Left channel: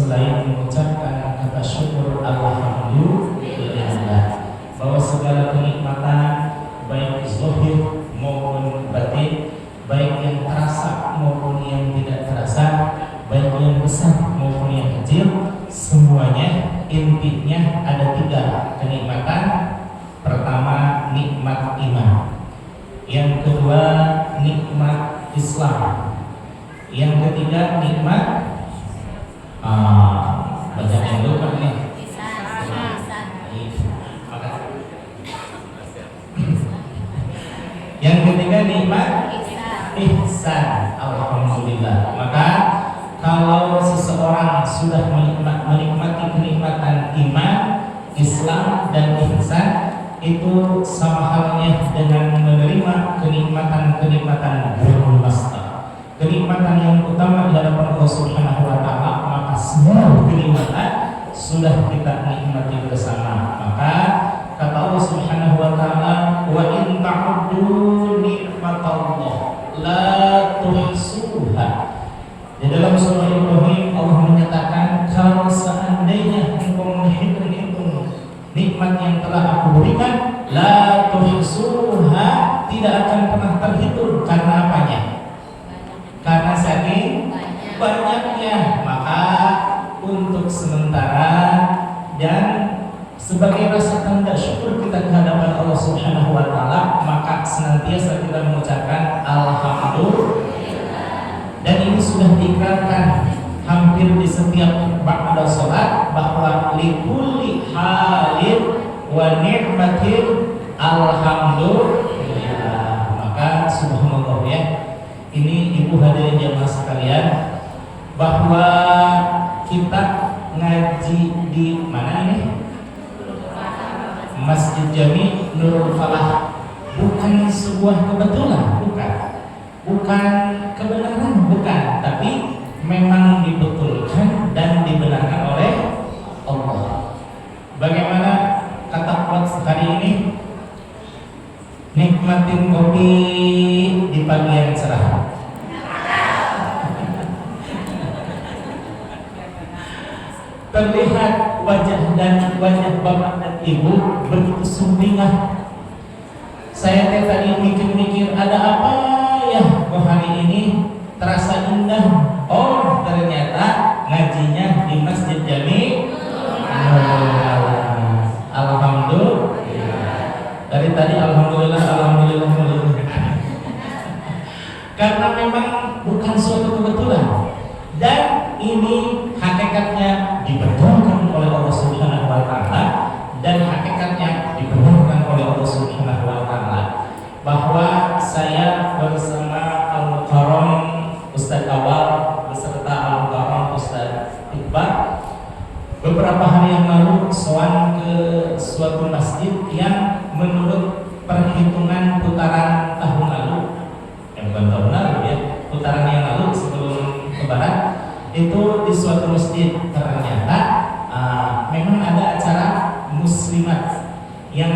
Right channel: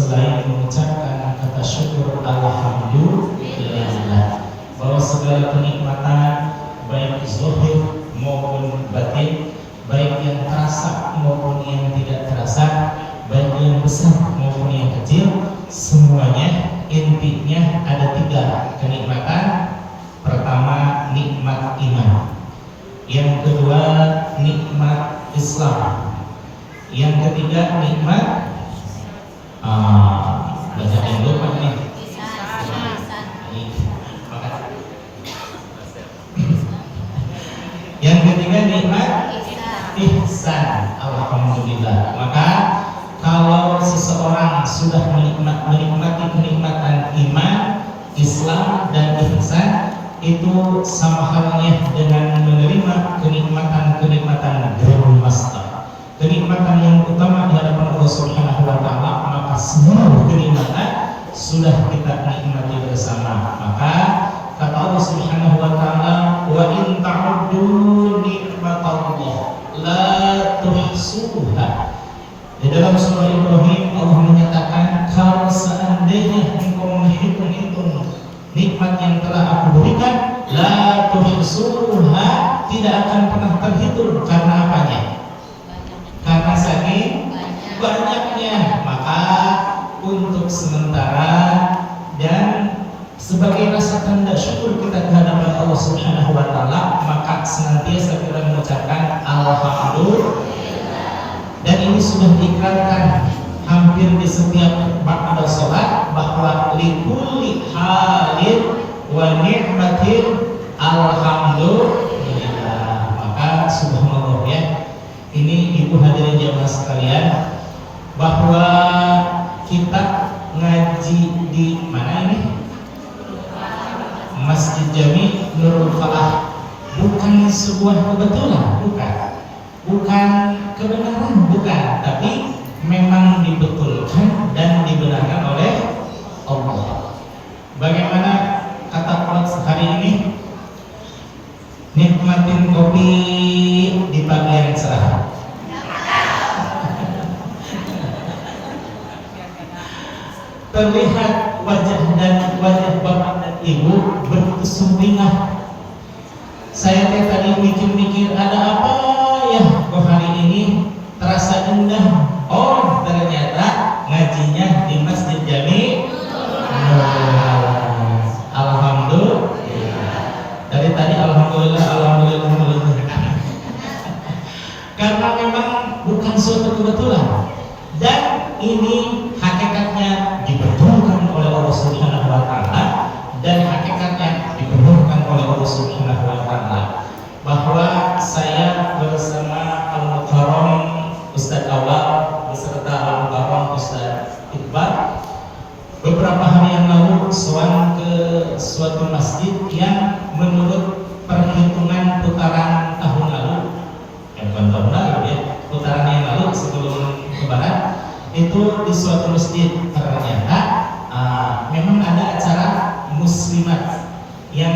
selain mengucapkan kata syukur alhamdulillah, bahwa segala kenikmatan baik zahir maupun batin, baik yang terasa maupun yang tidak terasa, baik yang besar maupun yang kecil, semuanya intinya ada 3 kenikmatan. Pertama, nikmat iman. Yang kedua, nikmat Islam. Yang ketiga, nikmat bahasa yang lupa nih. Yang ketiga, nikmat ihsan. Alhamdulillah. Maka kalau seseorang sudah menikmati kenikmatan iman, Islam dan ihsan, itu sama halnya dengan menerima kenikmatan bermasta, kenikmatan yang utama di hadapan Allah Subhanahu wa taala. Maka semua kenikmatan sudah kita nikmati bersama. Maka kata Allah Subhanahu wa taala, wa in ta'uddu nikmatallah la tuhsuha. Di dalam surah Ibrahim Allah menyatakan, kalau seandainya engkau menghitung-hitung nikmat yang telah aku berikan, la tuhsuha, tidak akan pernah terhitung. Karena apanya? Karena saking banyaknya. Maka untuk sementara dan sebagai rasa tanda syukur kita kehadapan Allah Subhanahu wa taala, maka senantiasa kita mengucapkan alhamdulillah. Dan ini sudah diikrarkan hampir di setiap ba'da salat, bahwa likulli halin wa ni'matin alhamdulillah. Maka subhanallah ya, ini ibu hadirin jamaah sekalian, bahwa kita ngaji di mana ini? Masjid Jami Nurul Falah. Bukan sebuah kebetulan, bukan kebenaran, bukan, tapi memang dibetulkan dan dibenarkan oleh Allah. Bagaimana kata quotes hari ini? Nikmatin kopi di pagi yang cerah. Terlihat wajah bapak dan ibu begitu sumringah. Saya tadi mikir-mikir, ada apa ya kok hari ini terasa indah. Oh, ternyata ngajinya di Masjid Jami. Alhamdulillah. Dari tadi alhamdulillah. Karena memang bukan suatu kebetulan, dan ini hakikatnya dibenarkan oleh Allah Subhanahu wa taala, dan hakikatnya dibenarkan oleh Allah Subhanahu wa taala, bahwa saya bersama Al-Mukarram Ustaz Awal beserta Al-Mukarram Ustaz Iqbal beberapa hari yang lalu sowan ke suatu masjid yang menurut perhitungan putaran tahun lalu, bukan tahun lalu ya, putaran yang lalu sebelum Lebaran, itu di suatu masjid ternyata memang ada acara muslimat yang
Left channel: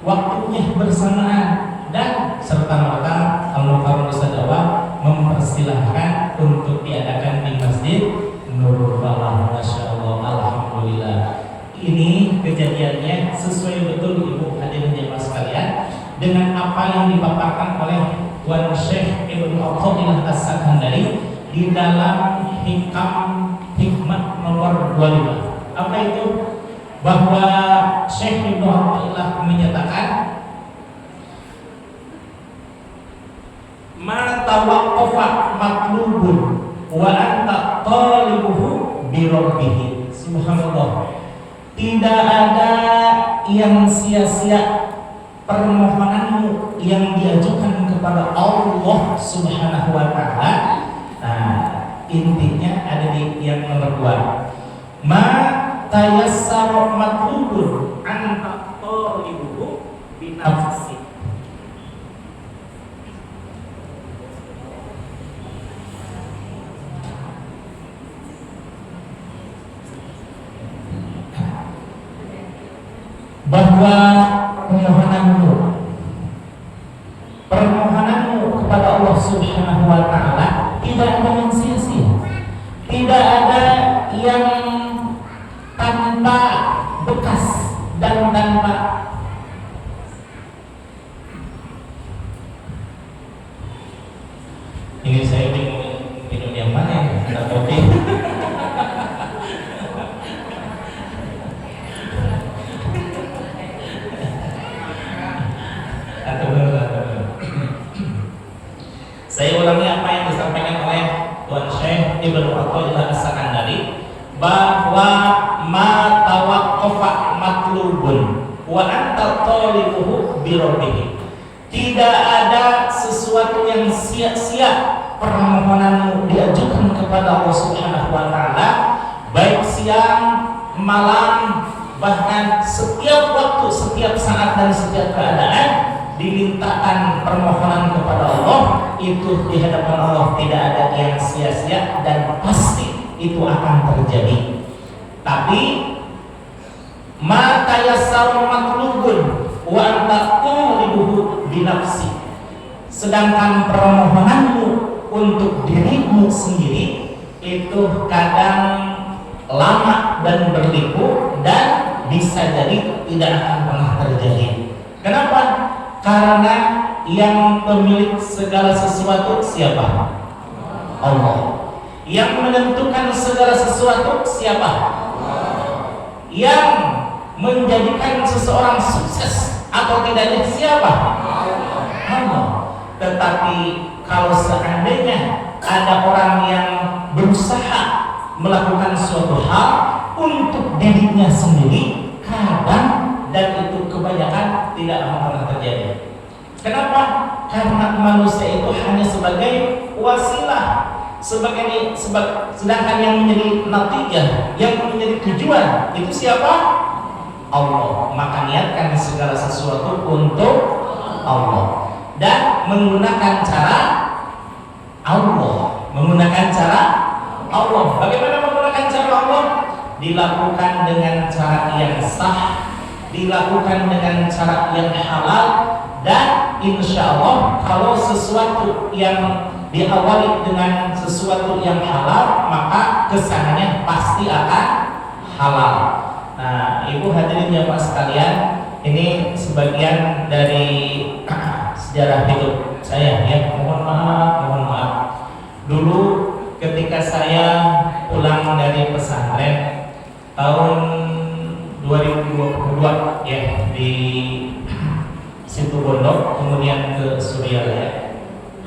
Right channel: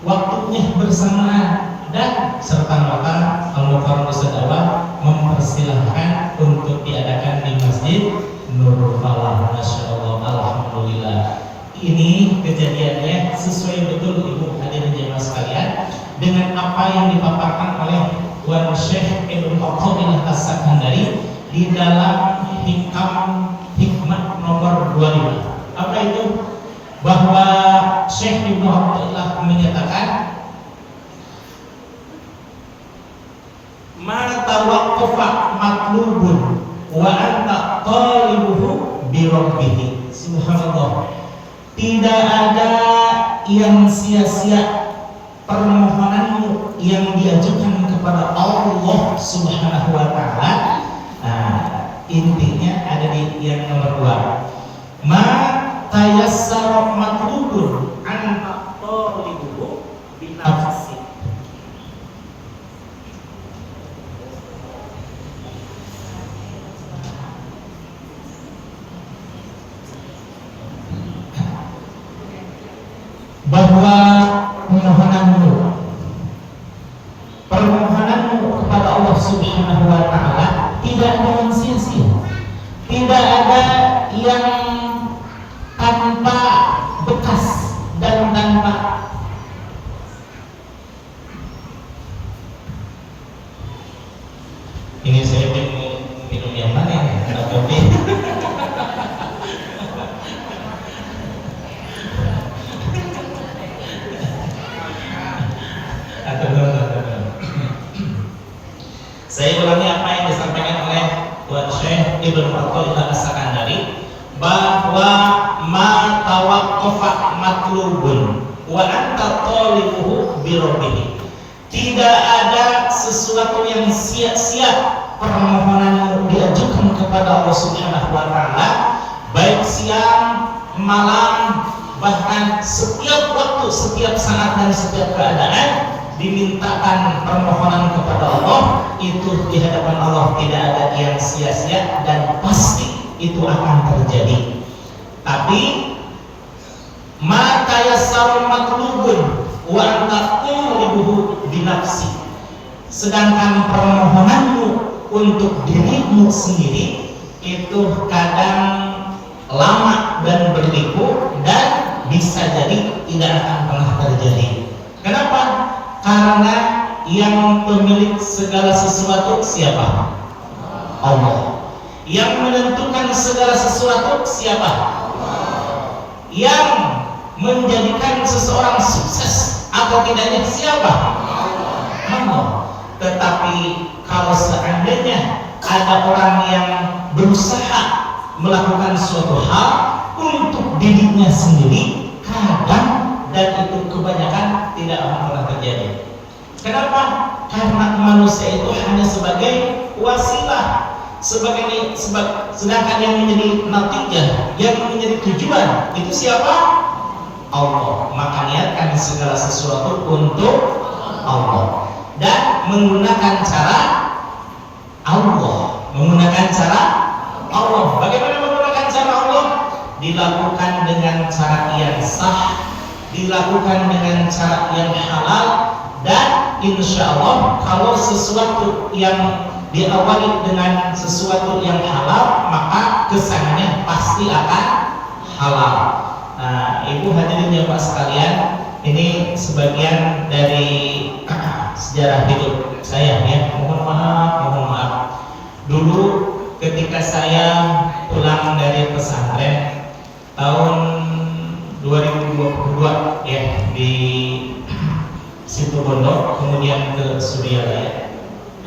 waktunya bersamaan, dan serta-merta Al-Mukarram Ustaz Awal mempersilahkan untuk diadakan di Masjid Nurul Falah. Masya Allah, alhamdulillah. Ini kejadiannya sesuai betul ibu hadirin jemaah sekalian dengan apa yang dipaparkan oleh Wan Syekh Ibnu Athaillah As-Sakandari di dalam hikmah nomor 25. Apa itu? Bahwa Syekh Ibnu Athaillah menyatakan, ma tawaqqafa matlubun wa anta talibuhu bi rabbih. Subhanallah. Tidak ada yang sia-sia permohonanmu yang diajukan kepada Allah Subhanahu wa taala. Nah, intinya ada di yang nomor 2. Ma tayassara matlubun anta talibuhu bi nafsi. Bahwa permohonanmu kepada Allah Subhanahu wa taala tidak ada yang sia-sia, tidak ada yang Athaillah As-Sakandari bahwa ma tawaqqafa matlubun wa anta talibuhu bi rabbih. Tidak ada sesuatu yang sia-sia permohonanmu diajukan kepada Allah Subhanahu wa taala, baik siang, malam, bahkan setiap waktu, setiap saat dan setiap keadaan dimintakan permohonan kepada Allah, itu di hadapan Allah tidak ada yang sia-sia dan pasti itu akan terjadi. Tapi ma tayassara matlubun wa anta tulibuhu binafsi. Sedangkan permohonanmu untuk dirimu sendiri itu kadang lama dan berliku dan bisa jadi tidak akan pernah terjadi. Kenapa? Karena yang pemilik segala sesuatu siapa? Allah. Yang menentukan segala sesuatu siapa? Yang menjadikan seseorang sukses atau tidaknya siapa? Allah. Tetapi kalau seandainya ada orang yang berusaha melakukan suatu hal untuk dirinya sendiri, kadang dan itu kebanyakan tidak akan pernah terjadi. Kenapa? Karena manusia itu hanya sebagai wasilah, sedangkan yang menjadi natijah, yang menjadi tujuan itu siapa? Allah. Maka niatkan segala sesuatu untuk Allah dan menggunakan cara Allah. Bagaimana menggunakan cara Allah? Dilakukan dengan cara yang sah, dilakukan dengan cara yang halal, dan insya Allah kalau sesuatu yang diawali dengan sesuatu yang halal, maka kesannya pasti akan halal. Nah, ibu hadirin jamaah sekalian, ini sebagian dari sejarah hidup saya ya. Mohon maaf. Dulu ketika saya pulang dari pesantren tahun 2022 ya di Situ Bondo, kemudian ke Suryalaya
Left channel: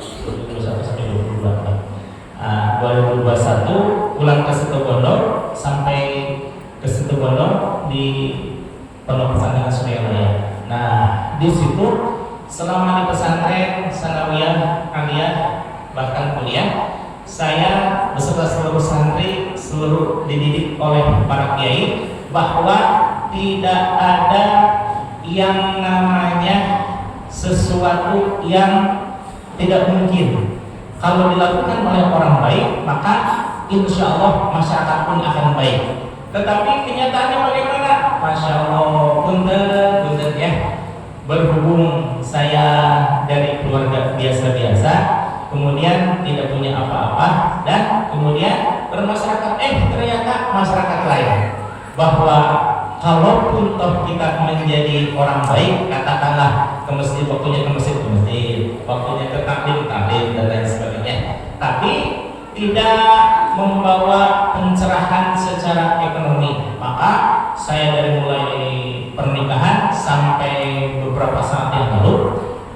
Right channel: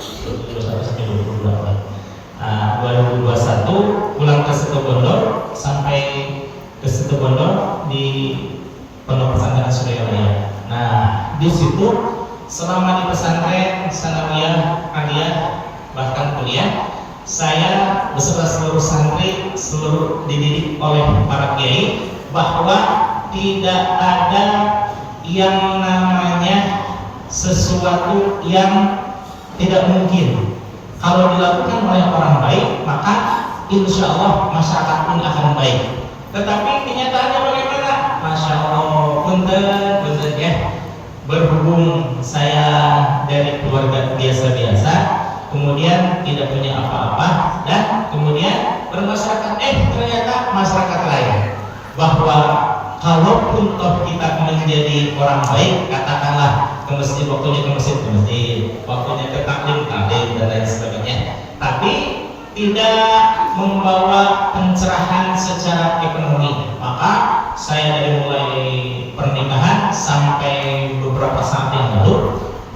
2021 pulang ke Situ Bondo, sampai ke Situ Bondo di Pondok Pesantren Suryalaya. Nah, di situ selama di pesantren, sanawiyah, aliyah, bahkan kuliah, saya beserta seluruh santri, seluruh dididik oleh para kiai bahwa tidak ada yang namanya sesuatu yang tidak mungkin. Kalau dilakukan oleh orang baik, maka insya Allah masyarakat pun akan baik. Tetapi kenyataannya bagaimana? Masya Allah, punten ya. Berhubung saya dari keluarga biasa-biasa, kemudian tidak punya apa-apa, dan kemudian bermasyarakat, ternyata masyarakat lain. Bahwa kalaupun toh kita menjadi orang baik, katakanlah ke masjid, waktunya ke masjid, waktunya ke taklim, dan lain sebagainya, tapi tidak membawa pencerahan secara ekonomi, maka saya dari mulai pernikahan sampai beberapa saat yang lalu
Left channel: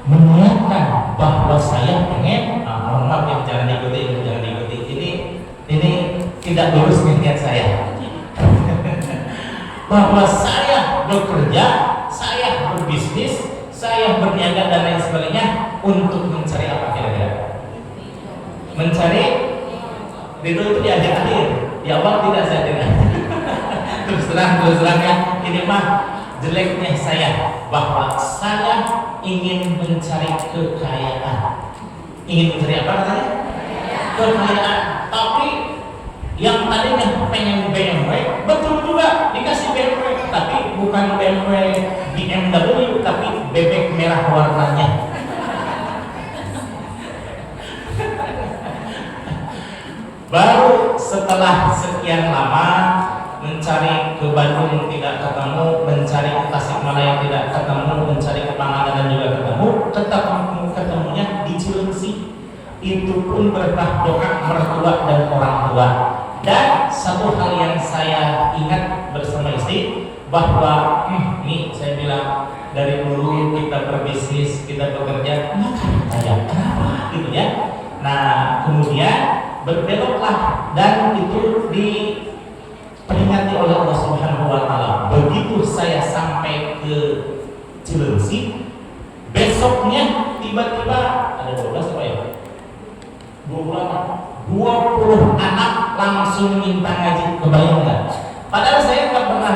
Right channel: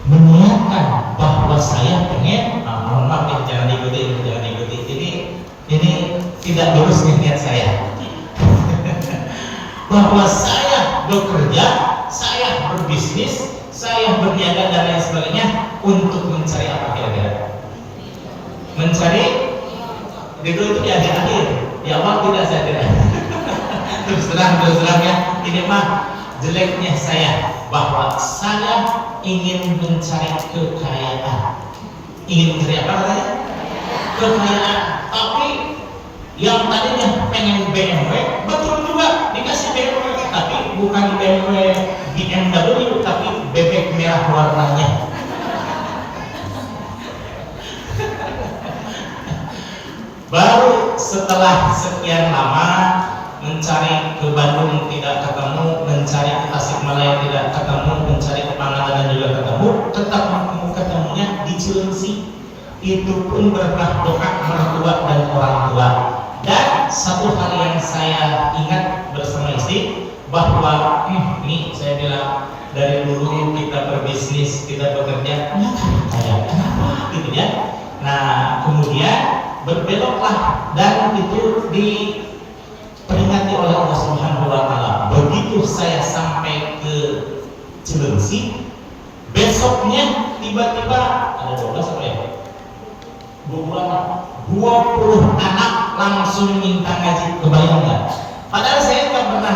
meniatkan bahwa saya pengen, mohon maaf ya, jangan diikuti, ini tidak lurus niat saya. Bahwa saya bekerja, saya berbisnis, saya berniaga dan lain sebagainya untuk mencari apa kira-kira? Mencari itu di akhir-akhir, di awal tidak saya tidak. terus terang ya, ini mah jeleknya saya, bahwa saya ingin mencari kekayaan. Ingin mencari apa katanya? Kekayaan. Tapi yang tadinya pengen BMW, betul juga dikasih BMW, tapi bukan BMW BMW, tapi bebek merah warnanya. Baru setelah sekian lama mencari ke Bandung tidak ketemu, mencari ke Tasikmalaya tidak ketemu, mencari ke Pangandaran juga ketemunya di Cilengsi. Itu pun berkah doa mertua dan orang tua. Dan satu hal yang saya ingat bersama istri, bahwa ini saya bilang dari dulu kita berbisnis, kita bekerja, kenapa gitu ya. Nah, kemudian berbeloklah dan itu diperingati oleh Allah Subhanahu wa taala. Begitu saya sampai ke Cilengsi, besoknya tiba-tiba ada 12 apa ya? 20 anak langsung minta ngaji, kebayang nggak? Padahal saya nggak pernah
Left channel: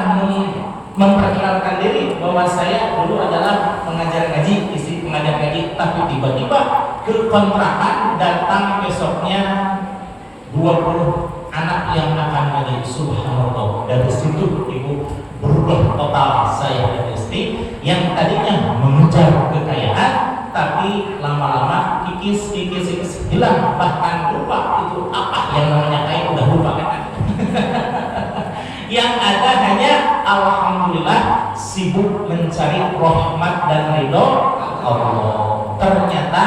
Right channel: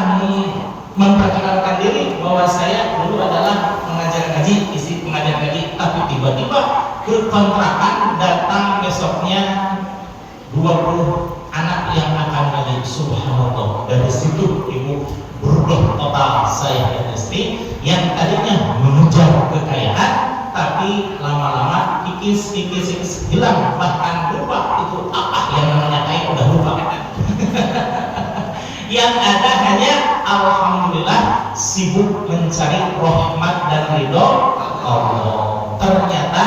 memperkenalkan diri bahwa saya dulu adalah pengajar ngaji, isi pengajar ngaji, tapi tiba-tiba ke kontrakan datang besoknya 20 anak yang akan ngaji. Subhanallah, dari situ ibu berubah total. Saya dan istri yang tadinya mengejar kekayaan, tapi lama-lama kikis hilang, bahkan lupa itu apa yang namanya kaya, udah lupa. Yang ada hanya alhamdulillah sibuk mencari rahmat dan ridho Allah. Ternyata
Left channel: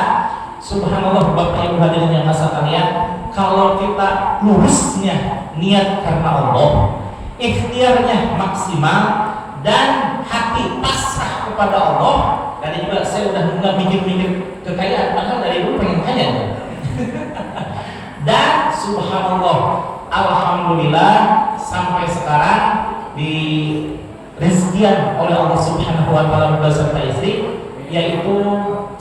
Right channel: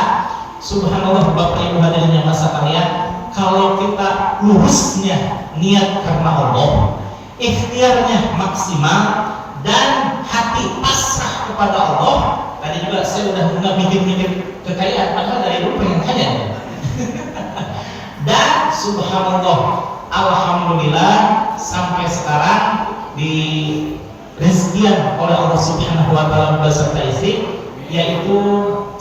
subhanallah Bapak Ibu hadirin yang masa kalian, kalau kita lurusnya niat karena Allah, ikhtiarnya maksimal dan hati pasrah kepada Allah. Tadi juga saya udah nggak mikir-mikir kekayaan, padahal dari dulu pengen kaya. Dan subhanallah, alhamdulillah sampai sekarang di rezekian oleh Allah Subhanahu wa taala beserta istri, yaitu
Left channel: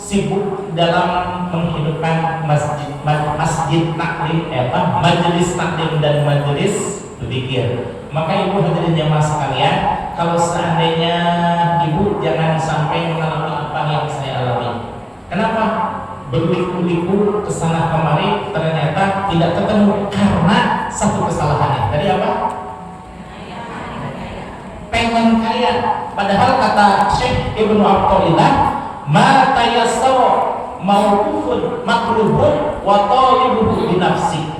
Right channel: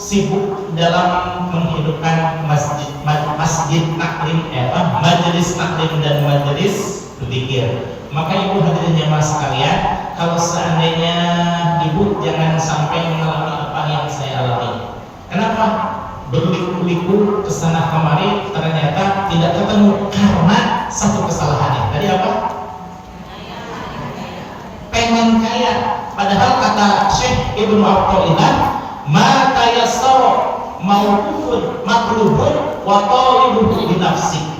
sibuk dalam menghidupkan masjid taklim, majelis taklim dan majelis zikir. Maka ibu hadirin jamaah sekalian, kalau seandainya ibu jangan sampai mengalami apa yang saya alami. Kenapa? Berliku-liku kesana kemari ternyata tidak ketemu karena satu kesalahannya. Tadi apa? Pengen kaya. Padahal kata Syekh Ibnu Athaillah, ma tayassara mauqufun matlubun wa talibuhu binafsi.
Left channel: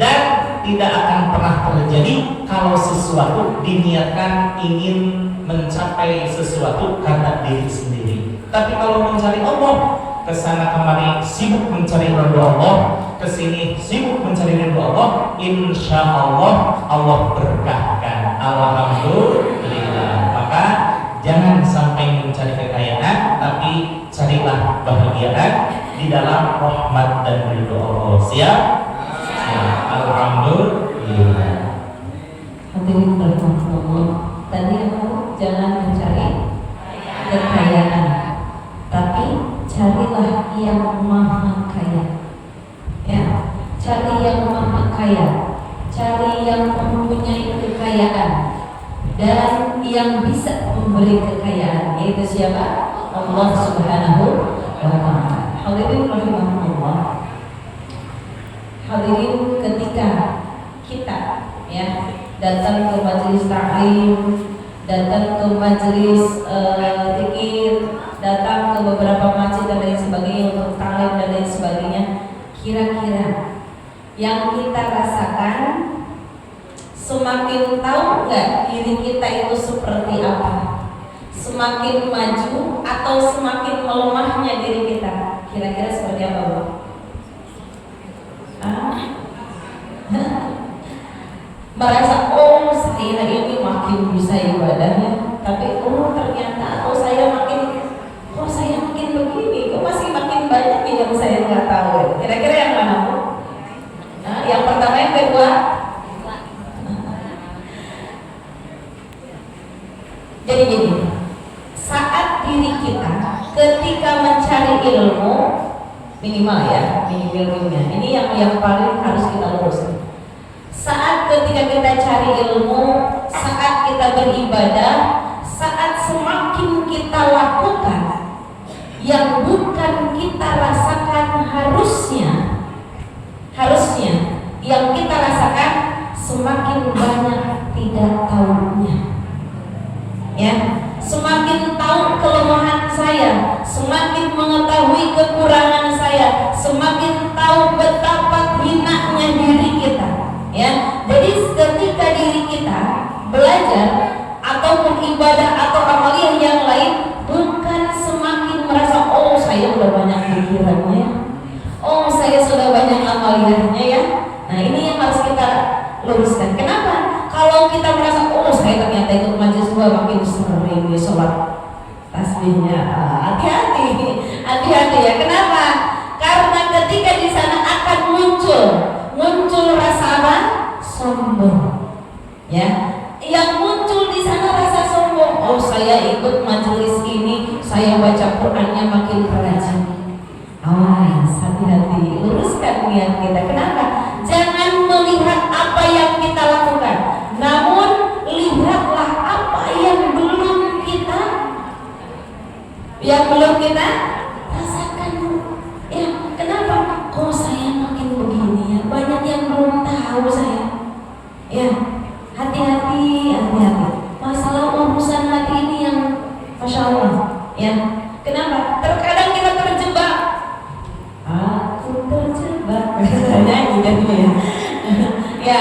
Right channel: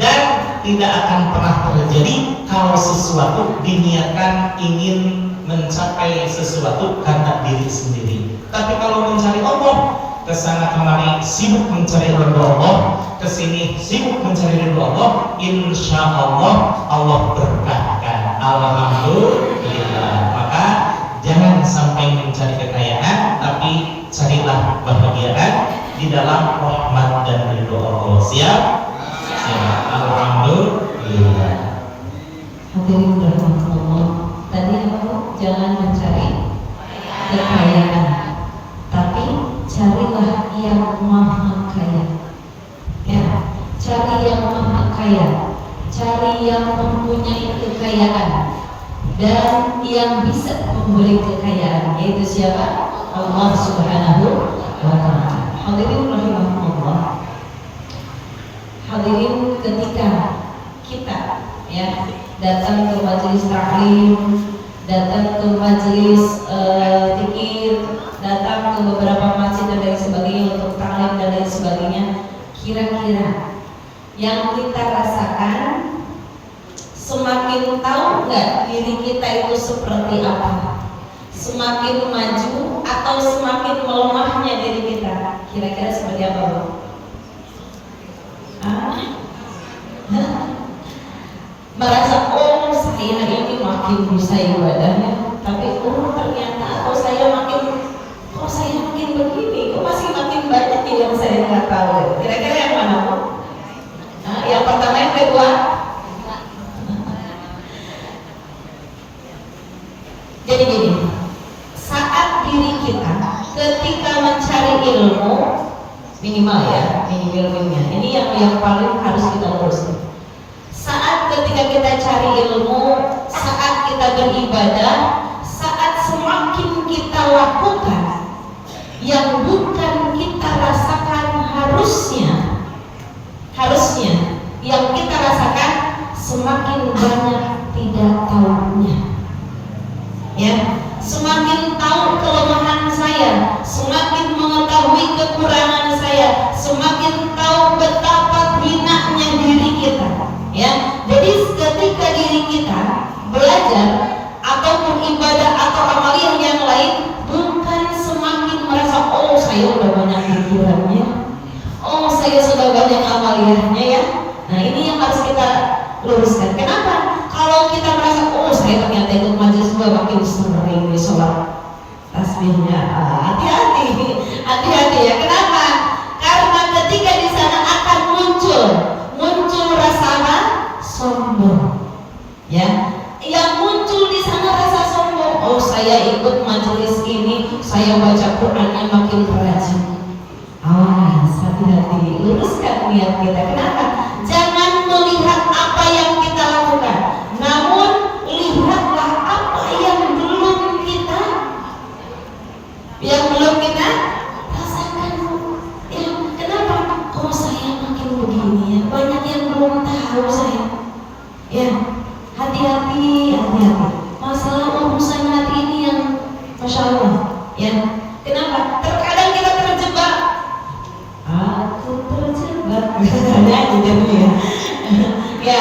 Dan tidak akan pernah terjadi kalau sesuatu diniatkan ingin mencapai sesuatu karena diri sendiri. Tapi kalau mencari Allah, kesana kemari sibuk mencari ridho Allah, kesini sibuk mencari ridho Allah, insya Allah Allah berkahkan. Alhamdulillah. Maka jangan sampai mencari kekayaan, tapi carilah kebahagiaan di dalam rahmat dan ridho Allah. Siap? Alhamdulillah. Hadirin rahmatullah. Tadi aku jangan mencari kekayaan, tapi carilah yang maha kaya. Ya, cari yang maha kaya, cari yang mempunyai kekayaan dan yang bisa memberi kekayaan, yaitu siapa? Allah Subhanahu wa taala. Hadirin rahimahullah. Hadirin, ketika kita ya datang ke majelis taklim, datang ke majelis zikir, datang ke beberapa masjid dan lain sebagainya untuk taklim dan lain sebagainya, kira-kira yang kita rasakan semakin tahu nggak diri kita itu seperti apa? Semakin maju atau semakin melemahnya diri kita? Kira-kira seperti apa, Bu? Merasa oh saya ini makin bisa ibadahnya, tapi oh ternyata atau saya makin begini, kok masih makin banyak yang saya nggak tahu. Kira-kira yang mana, Bu? Yang pertama, yang kedua? Jadi gini, saat diri kita ketika mencari ilmu, minimal ya, ilmunya ini yang paling harus kita luruskan. Saat ketika kita cari ilmu, saat kita beribadah, saat semakin kita lakukan yang bukan kita rasakan, harusnya yang kita rasakan semakin banyak tidak tahunya. Ya, semakin tahu kelemahan saya, semakin mengetahui kekurangan saya, semakin tahu betapa hinanya diri kita. Ya, jadi ketika diri kita belajar ataupun ibadah atau amalan yang lain, bukan semakin merasa oh saya sudah banyak pikirannya, oh saya sudah banyak amaliyahnya ya. Nah ini yang harus kita luruskan. Kenapa? Kalau kita merasa oh saya ternyata ikut majelis gua makin sering di sholat tasbihnya, hati-hati ya. Kenapa? Karena ketika di sana akan muncul rasa apa? Ya, yang muncul di sana rasa sombong. Oh, saya ikut majelis ini, saya baca Qur'annya makin rajin. Awas, hati-hati, luruskan niat kita. Kenapa? Jangan melihat apa yang kita lakukan, namun lihatlah apa yang belum kita rasakan. Ya, kenapa? Kok saya makin begini ya? Banyak yang belum tahu saya. Ya, hati-hati. Masalah urusan hati ini yang Masya Allah. Ya, kenapa? Terkadang kita terjebak. Aku terjebak. Nyanyi gitu ya. Ya,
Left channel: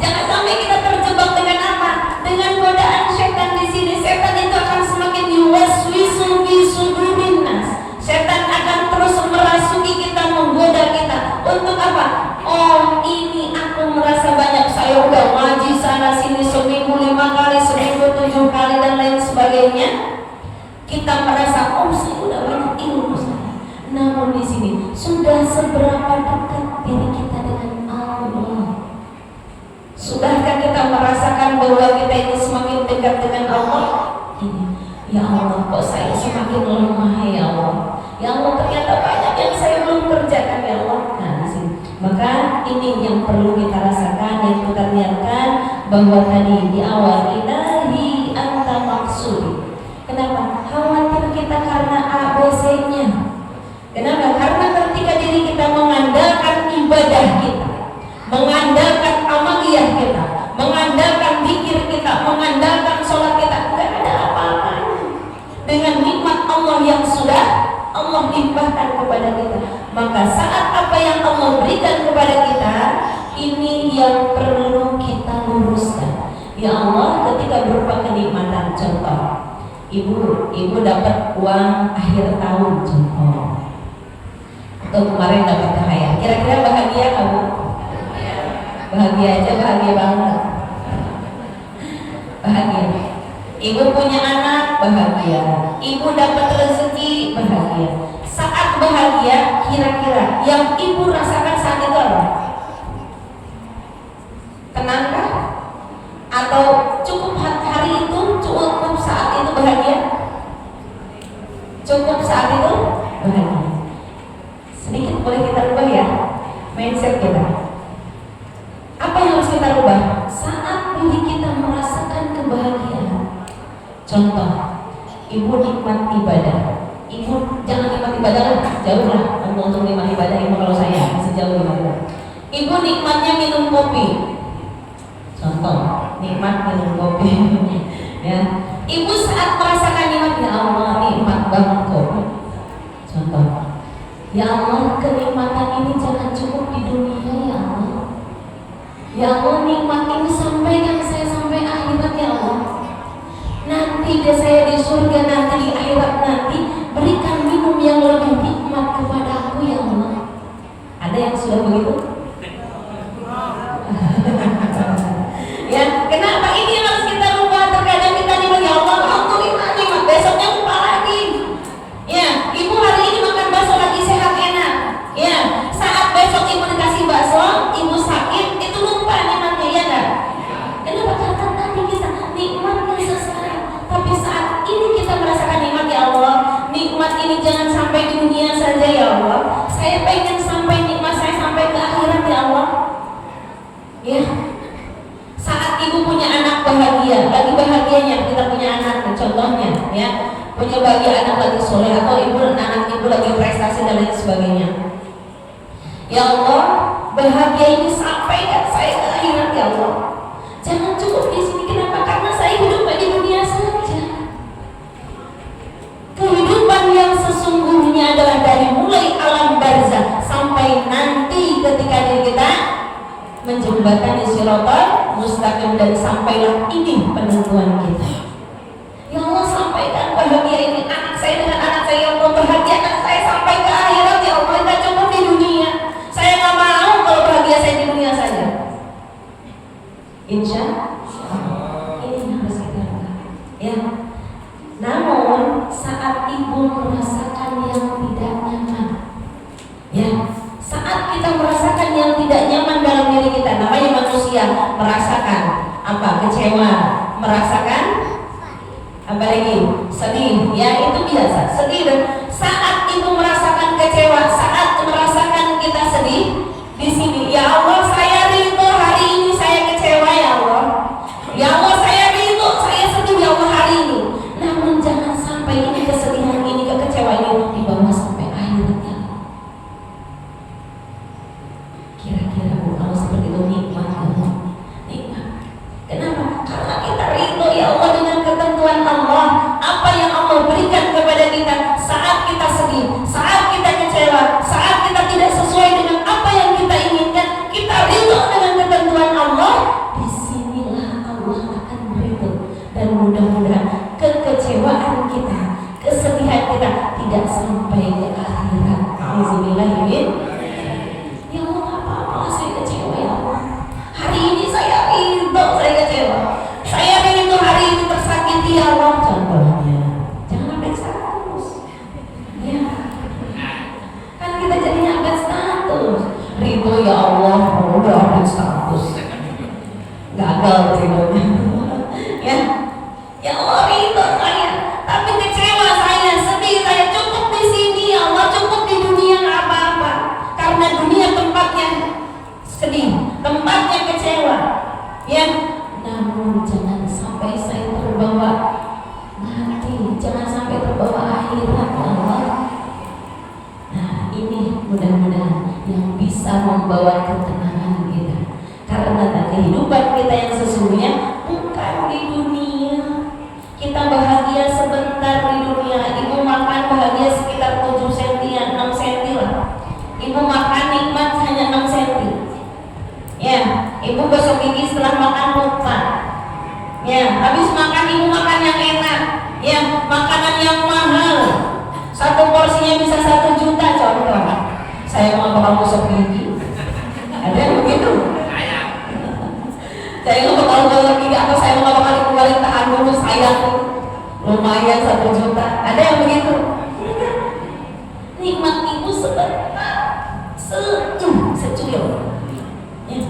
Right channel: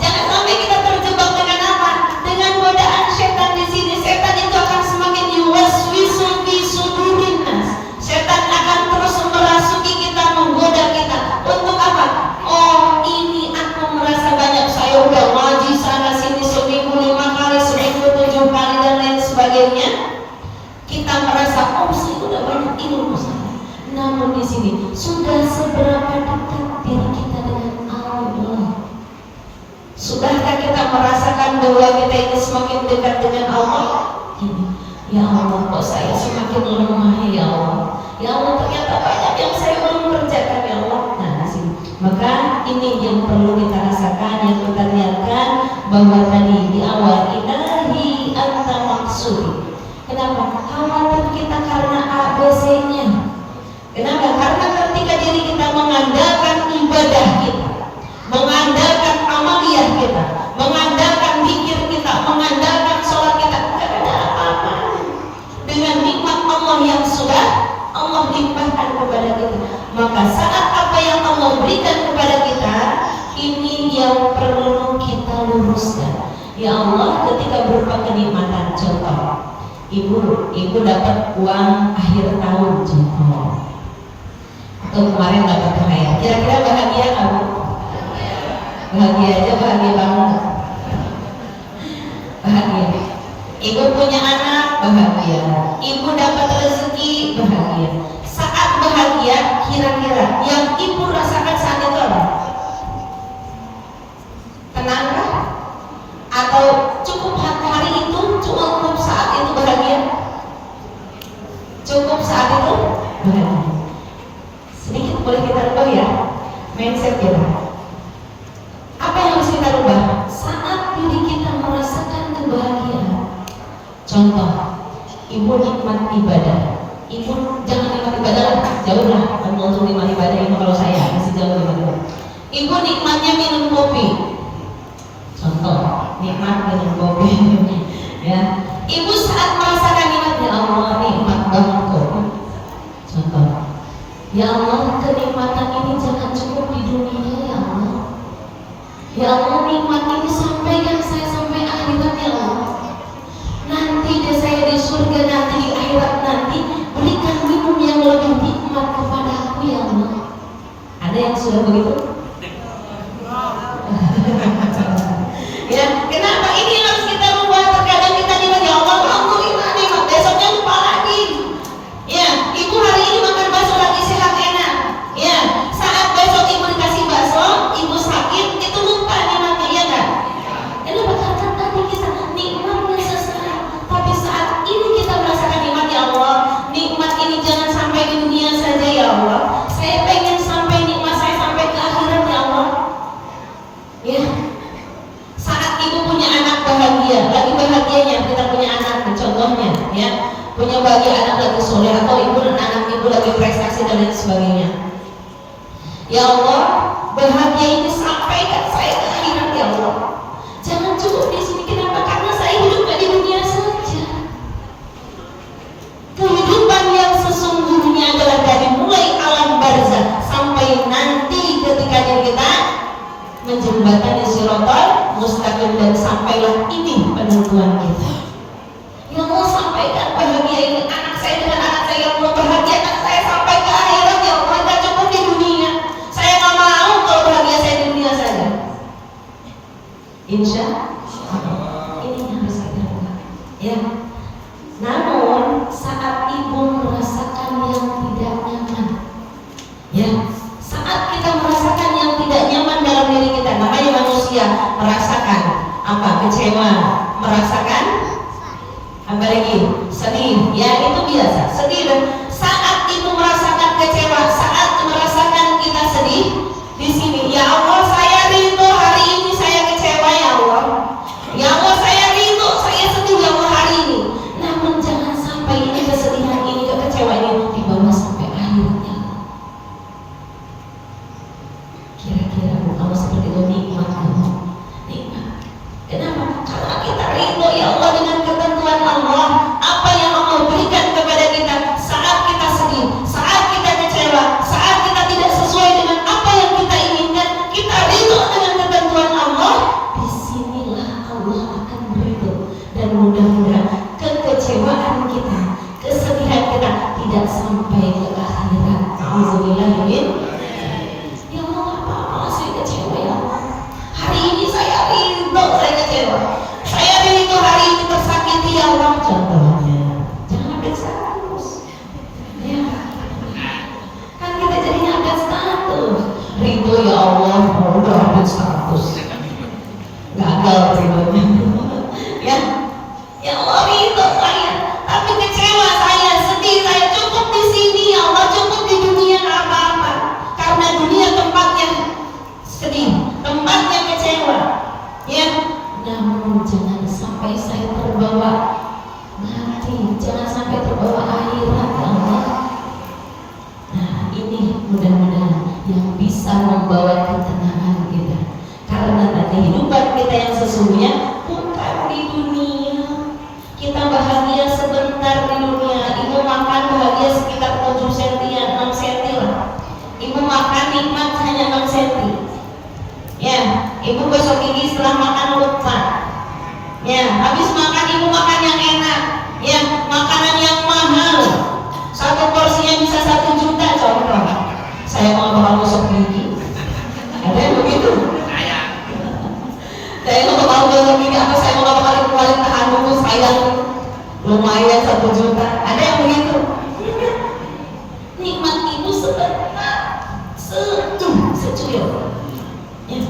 jangan sampai kita terjebak dengan apa? Dengan godaan setan di sini. Setan itu akan semakin yuwaswisu fi sudurin nas. Setan akan terus merasuki kita, menggoda kita. Untuk apa? Oh, ini aku merasa banyak, saya udah ngaji sana sini seminggu 5 kali, seminggu 7 kali dan lain sebagainya. Kita merasa, oh saya udah banyak ilmu saya. Namun di sini sudah seberapa dekat diri kita dengan Allah? Sudahkah kita merasakan bahwa kita itu semakin dekat dengan Allah? Ini, ya Allah, kok saya semakin lemah ya Allah. Ya Allah, ternyata banyak yang saya belum kerjakan ya Allah. Nah, di sini. Maka ini yang perlu kita rasakan, yang kita lihatkan bahwa tadi di awal ilahi anta maksud. Kenapa? Khawatir kita karena ABC-nya. Kenapa? Karena ketika diri kita mengandalkan ibadah kita, mengandalkan amaliyah kita, mengandalkan zikir kita, mengandalkan sholat kita, tidak ada apa-apa dengan nikmat Allah yang sudah Allah limpahkan kepada kita. Maka saat apa yang Allah berikan kepada kita, ini yang perlu kita luruskan. Ya Allah, ketika berupa kenikmatan, contoh, ibu dapat uang akhir tahun, contoh, atau kemarin dapat THR, kira-kira bahagia kamu? Bahagia aja, bahagia banget. Bahagia. Ibu punya anak, bahagia. Ibu dapat rezeki, bahagia. Saat bahagia, kira-kira yang ibu rasakan saat itu apa? Tenangkah? Atau cukup hari itu, cukup saat itu bahagia? Cukup saat itu bahagia. Sedikit boleh kita rubah ya mindset kita. Apa yang harus kita rubah? Saat diri kita merasakan kebahagiaan. Contoh, ibu nikmat ibadah. Ibu jangan nikmat ibadah lah, jauh lah. Ngomong untuk nikmat ibadah, ibu kalau saya masih jauh nikmat ibadah. Ibu nikmatnya minum kopi. Contoh, nikmat minum kopi. Ya, ibu saat merasakan nikmat, ya Allah nikmat banget kopi. Contoh, ya Allah kenikmatan ini jangan cukup di dunia ya Allah. Ya Allah nikmat ini sampaikan saya sampai akhirat ya Allah. Nanti deh saya di surga, nanti di akhirat nanti berikan minum yang lebih nikmat kepadaku ya Allah. Ada yang sudah begitu? Ya, kenapa ini harus kita rubah? Terkadang kita nikmat ya Allah, alhamdulillah nikmat, besoknya lupa lagi. Ya, ibu hari ini makan bakso lagi sehat enak. Ya, saat besok ibu dikasih bakso, ibu sakit, itu lupa nikmatnya ya kan? Kenapa? Karena tadi kita nikmatnya sesaat, tapi saat ini kita merasakan nikmat ya Allah. Nikmat ini jangan sampai di dunia saja ya Allah. Saya pengen sampai nikmat saya sampai ke akhirat ya Allah. Ya, saat ibu punya anak bahagia, lagi bahagianya kita punya anak, contohnya ya, punya bahagia anak lagi soleh, atau ibu dan anak ibu lagi prestasi dan lain sebagainya. Ya Allah, bahagia ini sampaikan saya ke akhirat ya Allah. Jangan cukup di sini. Kenapa? Karena saya hidup di dunia saja. Kehidupan yang sesungguhnya adalah dari mulai alam barzah sampai nanti ketika diri kita menjembatani siratal mustaqim, dan sampailah ini penentuan kita. Ya Allah, sampaikan bahagia ini anak saya dengan anak saya, ya Allah bahagiakan saya sampai ke akhirat ya Allah. Tidak cukup di dunia. Saya nggak mau kalau bahagia saya di dunia saja. Insya Allah ini harus kita lakukan. Ya. Namun saat ibu merasakan yang tidak nyaman, ya, saat kita merasakan yang tidak nyaman dalam diri kita, namanya manusia merasakan Apa? Kecewa, merasakan apa lagi? Sedih. Ya, itu biasa. Sedih. Dan saat ibu merasakan kecewa, saat merasakan kita sedih, di sini, ya Allah, saya rindu hari ini saya kecewa ya Allah. Ya Allah, saya rindu, saya sedih ya Allah hari ini. Namun jangan sampai ini kesedihan ini, kekecewaan ini dibawa sampai akhirnya. Kira-kira Bu, kalau seperti itu nikmat kamu? Nikmat. Kenapa? Karena kita rindu ya Allah dengan ketentuan Allah. Apa yang Allah berikan kepada kita saat kita sedih, saat kita kecewa, saat kita tidak sesuai dengan apa yang kita inginkan, kita rindu dengan ketentuan Allah. Disinilah Allah akan rindu. Dan mudah-mudahan kekecewaan kita, kesedihan kita tidak sampai ke akhirat. Alhamdulillah. Ya Allah, apa-apa saya kecewa ya Allah. Hari ini saya rindu saya kecewa. Saya rindu hari ini tersakiti ya Allah. Contohnya, jangan update status. Ya. Kan kita jadinya update status. Rindu ya Allah, oh, udah update status. Gagal rindunya. Ya. Ya Allah, rindu saya. Tapi kecewa saya, sedih saya. Cukup di sini ya Allah, cukup di dunia nggak apa-apa. Karena dunia tempatnya sedih, tempatnya kecewa. Ya, namun jangan sampai saya terbawa mati, jangan sampai terbawa akhirat ya Allah. Nah, ini mudah-mudahan yang bisa membawa ketenangan kita. Karena kehidupan kita yang sesungguhnya bukan di dunia. Kita bahagia sebentar di dunia. Ibu makan bahagia sekitar 7 cm, 6 cm lah. Ibu makan nikmat hanya 6 cm. Ya, ibu gosok gigi setelah makan lupa. Ya, habis makan ibu makan yang enak. Ya, makanan yang mahal. Satu porsinya bisa 1 juta contoh. Saya mau bakal gosok gigi. Ada yang begitu? Saya mau bakal gosok gigi apa saya mau bakal kembali tahan dulu sayang. Lumayan 1 juta. Ada yang begitu? Nikmat ibu sebentar. Secuil. Ya.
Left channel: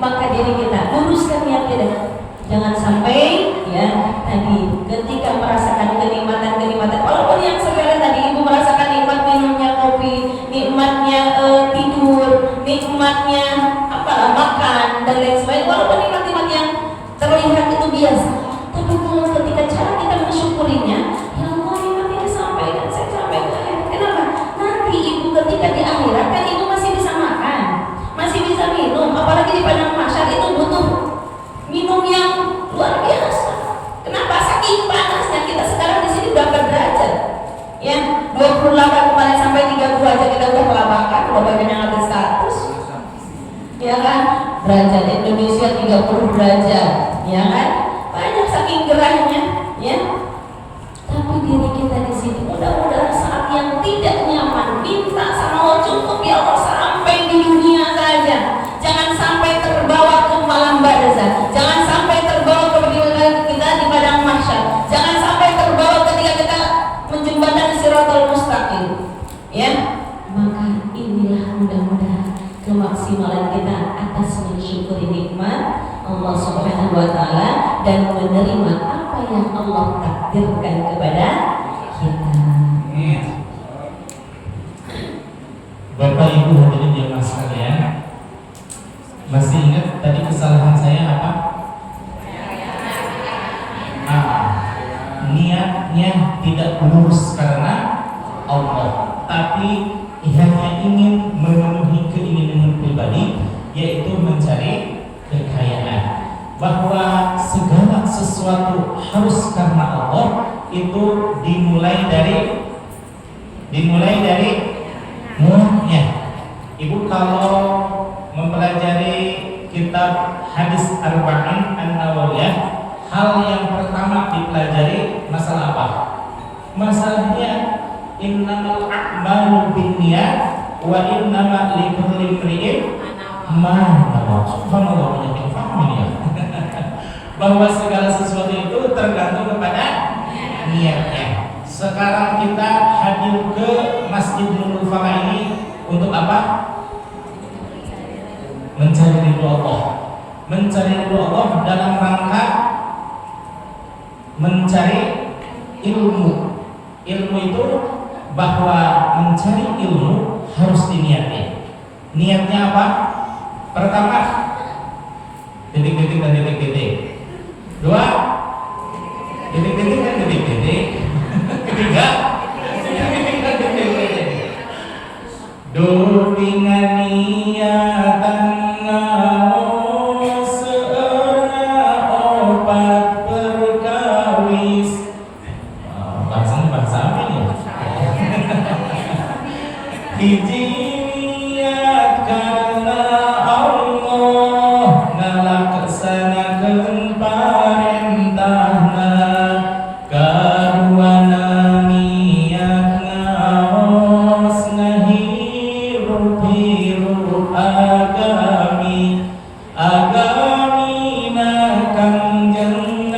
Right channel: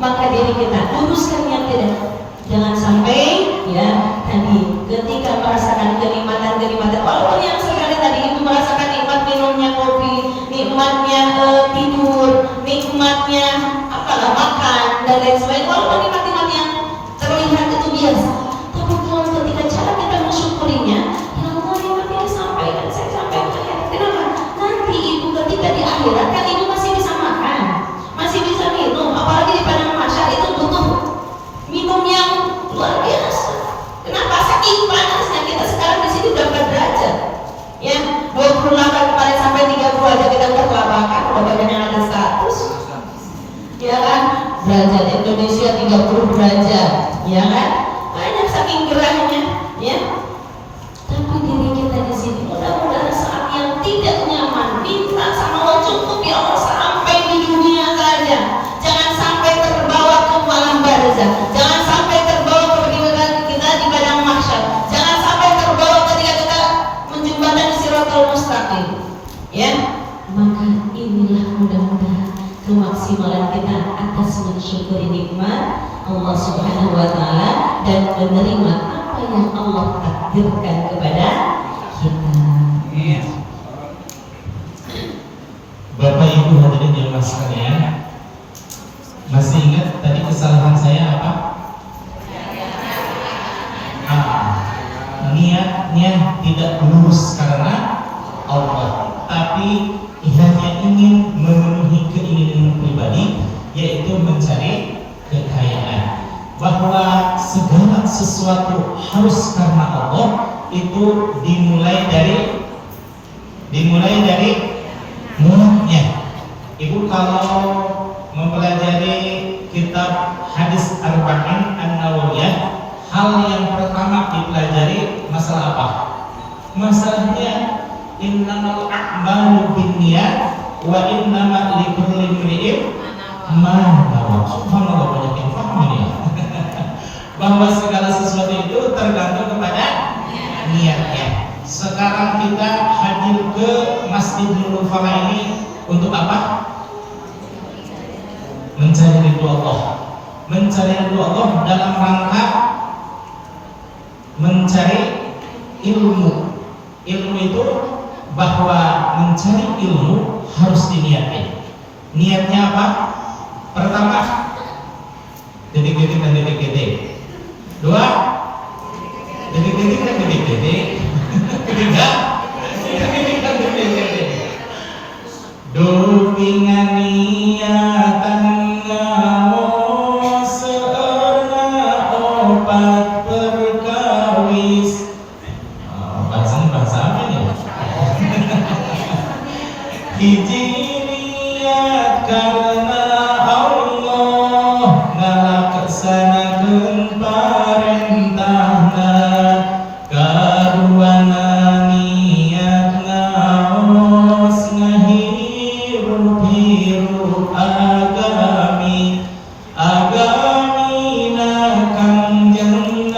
Maka diri kita luruskan yang tidak. Jangan sampai ya tadi ketika merasakan kenikmatan, walaupun yang sekali tadi ibu merasakan nikmat minumnya kopi, nikmatnya tidur, nikmatnya apalah makan dan lain sebagainya, walaupun nikmat yang terlihat itu biasa. Tapi kalau ketika cara kita mensyukurinya, ya Allah nikmat ini sampai dan saya sampai ke akhirat. Kenapa? Nanti ibu ketika di akhirat kan ibu masih bisa makan, masih bisa minum, apalagi di padang mahsyar itu butuh minum yang luar biasa. Kenapa? Saking panasnya kita sekarang di sini udah berderajat. Ya, 28 kemarin sampai 30 aja kita udah kelabakan, udah banyak yang ada status. Ya kan? Derajat Indonesia 30 derajat, ya kan? Banyak saking gerahnya, ya. Tapi diri kita di sini mudah-mudahan saat yang tidak nyaman minta sama Allah, cukup ya Allah sampai di dunia saja. Jangan sampai terbawa ke malam barzah. Jangan sampai terbawa ke kita di padang mahsyar. Jangan sampai terbawa ketika kita menjembatani Shiratal Mustaqim. Ya, maka inilah mudah-mudahan kemaksimalan kita atas mensyukuri nikmat Allah Subhanahu wa taala dan menerima apa yang Allah takdirkan kepada kita. Bapak Ibu hadirin jemaah sekalian, masih ingat tadi kesalahan saya apa? Niatnya tidak lurus karena Allah, tapi hanya ingin memenuhi keinginan pribadi, yaitu mencari kekayaan. Bahwa segala sesuatu harus karena Allah itu dimulai dari niatnya. Ibu kalau mempelajari kitab hadis Arba'in An-Nawawiyah, hal yang pertama dipelajari masalah apa? Masalahnya innamal a'malu binniyat wa innama likulli imri'in ma nawa. Subhanallah, banyak yang paham ini ya. Bahwa segala sesuatu itu tergantung kepada niatnya. Sekarang kita hadir ke Masjidil Mufarrah ini untuk apa? Mencari ridho Allah, mencari ridho Allah dalam rangka mencari ilmu. Ilmu itu bahwa mencari ilmu harus diniatkan. Niatnya apa? Pertama, detik-detik dan detik-detik. Dua, detik-detik dan detik-detik. Ketiga, detik-detik dan detik-detik. Dupingan niatan ngaos seurna opat perkawis. Bahasa apa ya? Hiji niat karena Allah ngalaksanakeun parentahna, kaduana niat ngaos ngahirup-hirup agami agamina Kangjeng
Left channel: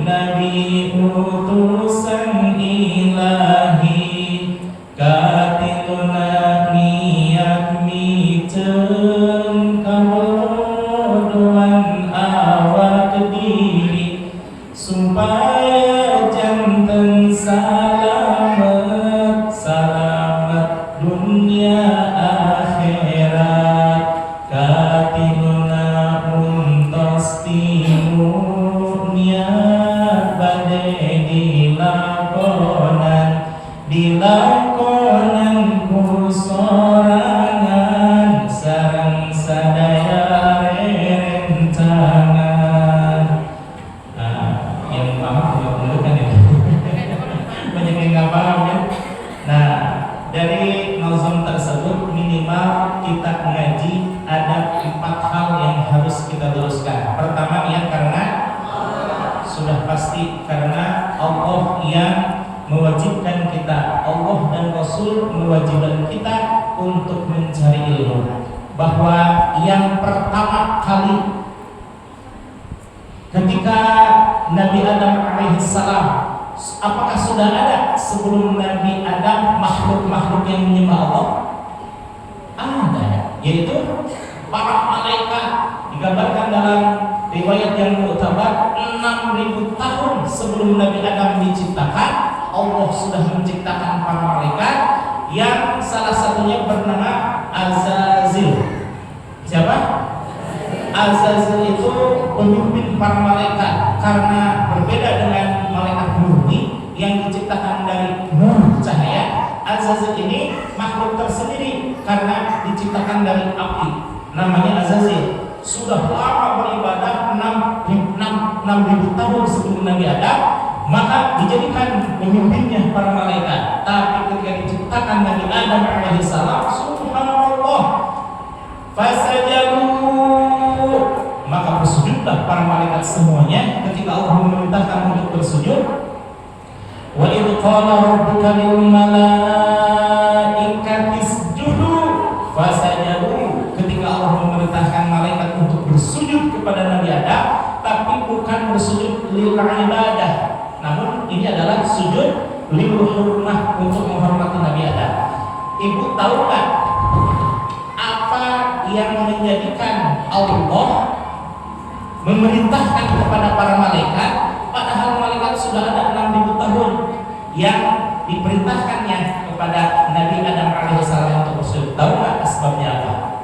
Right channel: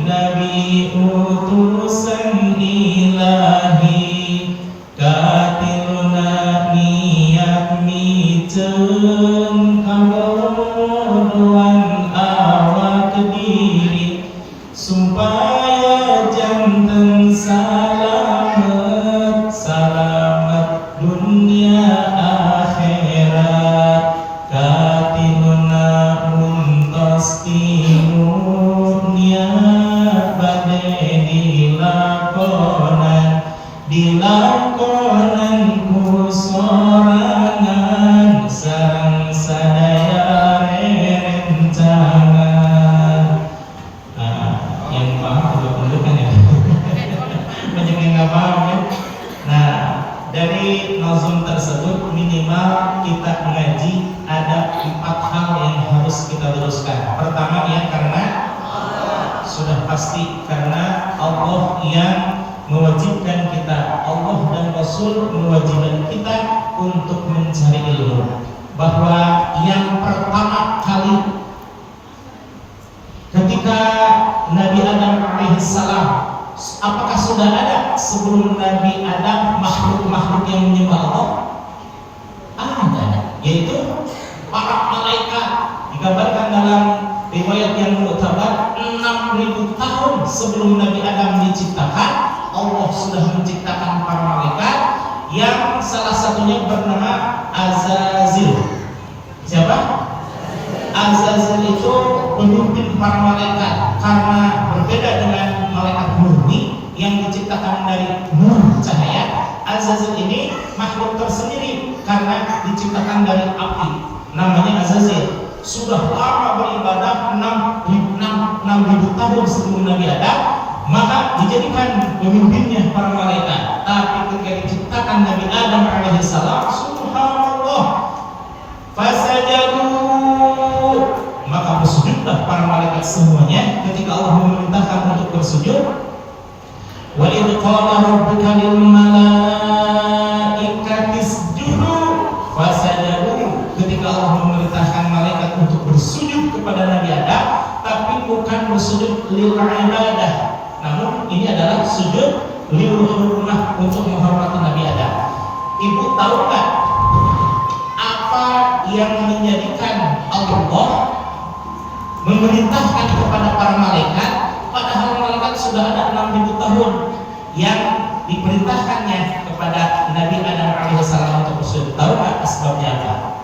Nabi utusan ilahi, katilna niat miceun kabodohan awak diri, supaya janten salamet dunia akhirat, katilna untos timu niat bade dilakonan ku sorangan sareng sadaya rencangan. Yang paham juga perlu kan ya. Banyak yang nggak paham ya. Nah, dari nazam tersebut minimal kita ngaji ada 4 hal yang harus kita luruskan. Pertama ya, karena sudah pasti karena Allah yang mewajibkan kita, Allah dan Rasul mewajibkan kita untuk mencari ilmu. Bahwa yang pertama kali ketika Nabi Adam alaihissalam, apakah sudah ada sebelum Nabi Adam makhluk-makhluk yang menyembah Allah? Ada, yaitu para malaikat. Digambarkan dalam riwayat yang muktabar 6.000 tahun sebelum Nabi Adam diciptakan, Allah sudah menciptakan para malaikat yang salah satunya bernama Azazil. Siapa? Azazil itu pemimpin para malaikat, karena berbeda dengan malaikat murni yang diciptakan dari nur cahaya. Azazil ini makhluk tersendiri karena diciptakan dari api, namanya Azazil. Sudah lama beribadah 6.000 tahun sebelum Nabi Adam, maka dijadikan pemimpinnya para malaikat. Tapi ketika diciptakan Nabi Adam alaihissalam, subhanallah, fasajadu, maka bersujudlah para malaikat semuanya ketika Allah memerintahkan untuk bersujud. Wa idh qala rabbuka lil malaikati isjudu fasajadu, ketika Allah memerintahkan malaikat untuk bersujud kepada Nabi Adam, tapi bukan bersujud lil ibadah, namun ini adalah sujud lil hurmah, untuk menghormati Nabi Adam. Ibu tahu nggak apa yang menjadikan Allah memerintahkan kepada para malaikat, padahal malaikat sudah ada 6.000 tahun yang diperintahkannya kepada Nabi Adam alaihissalam untuk bersujud? Tahu nggak sebabnya apa?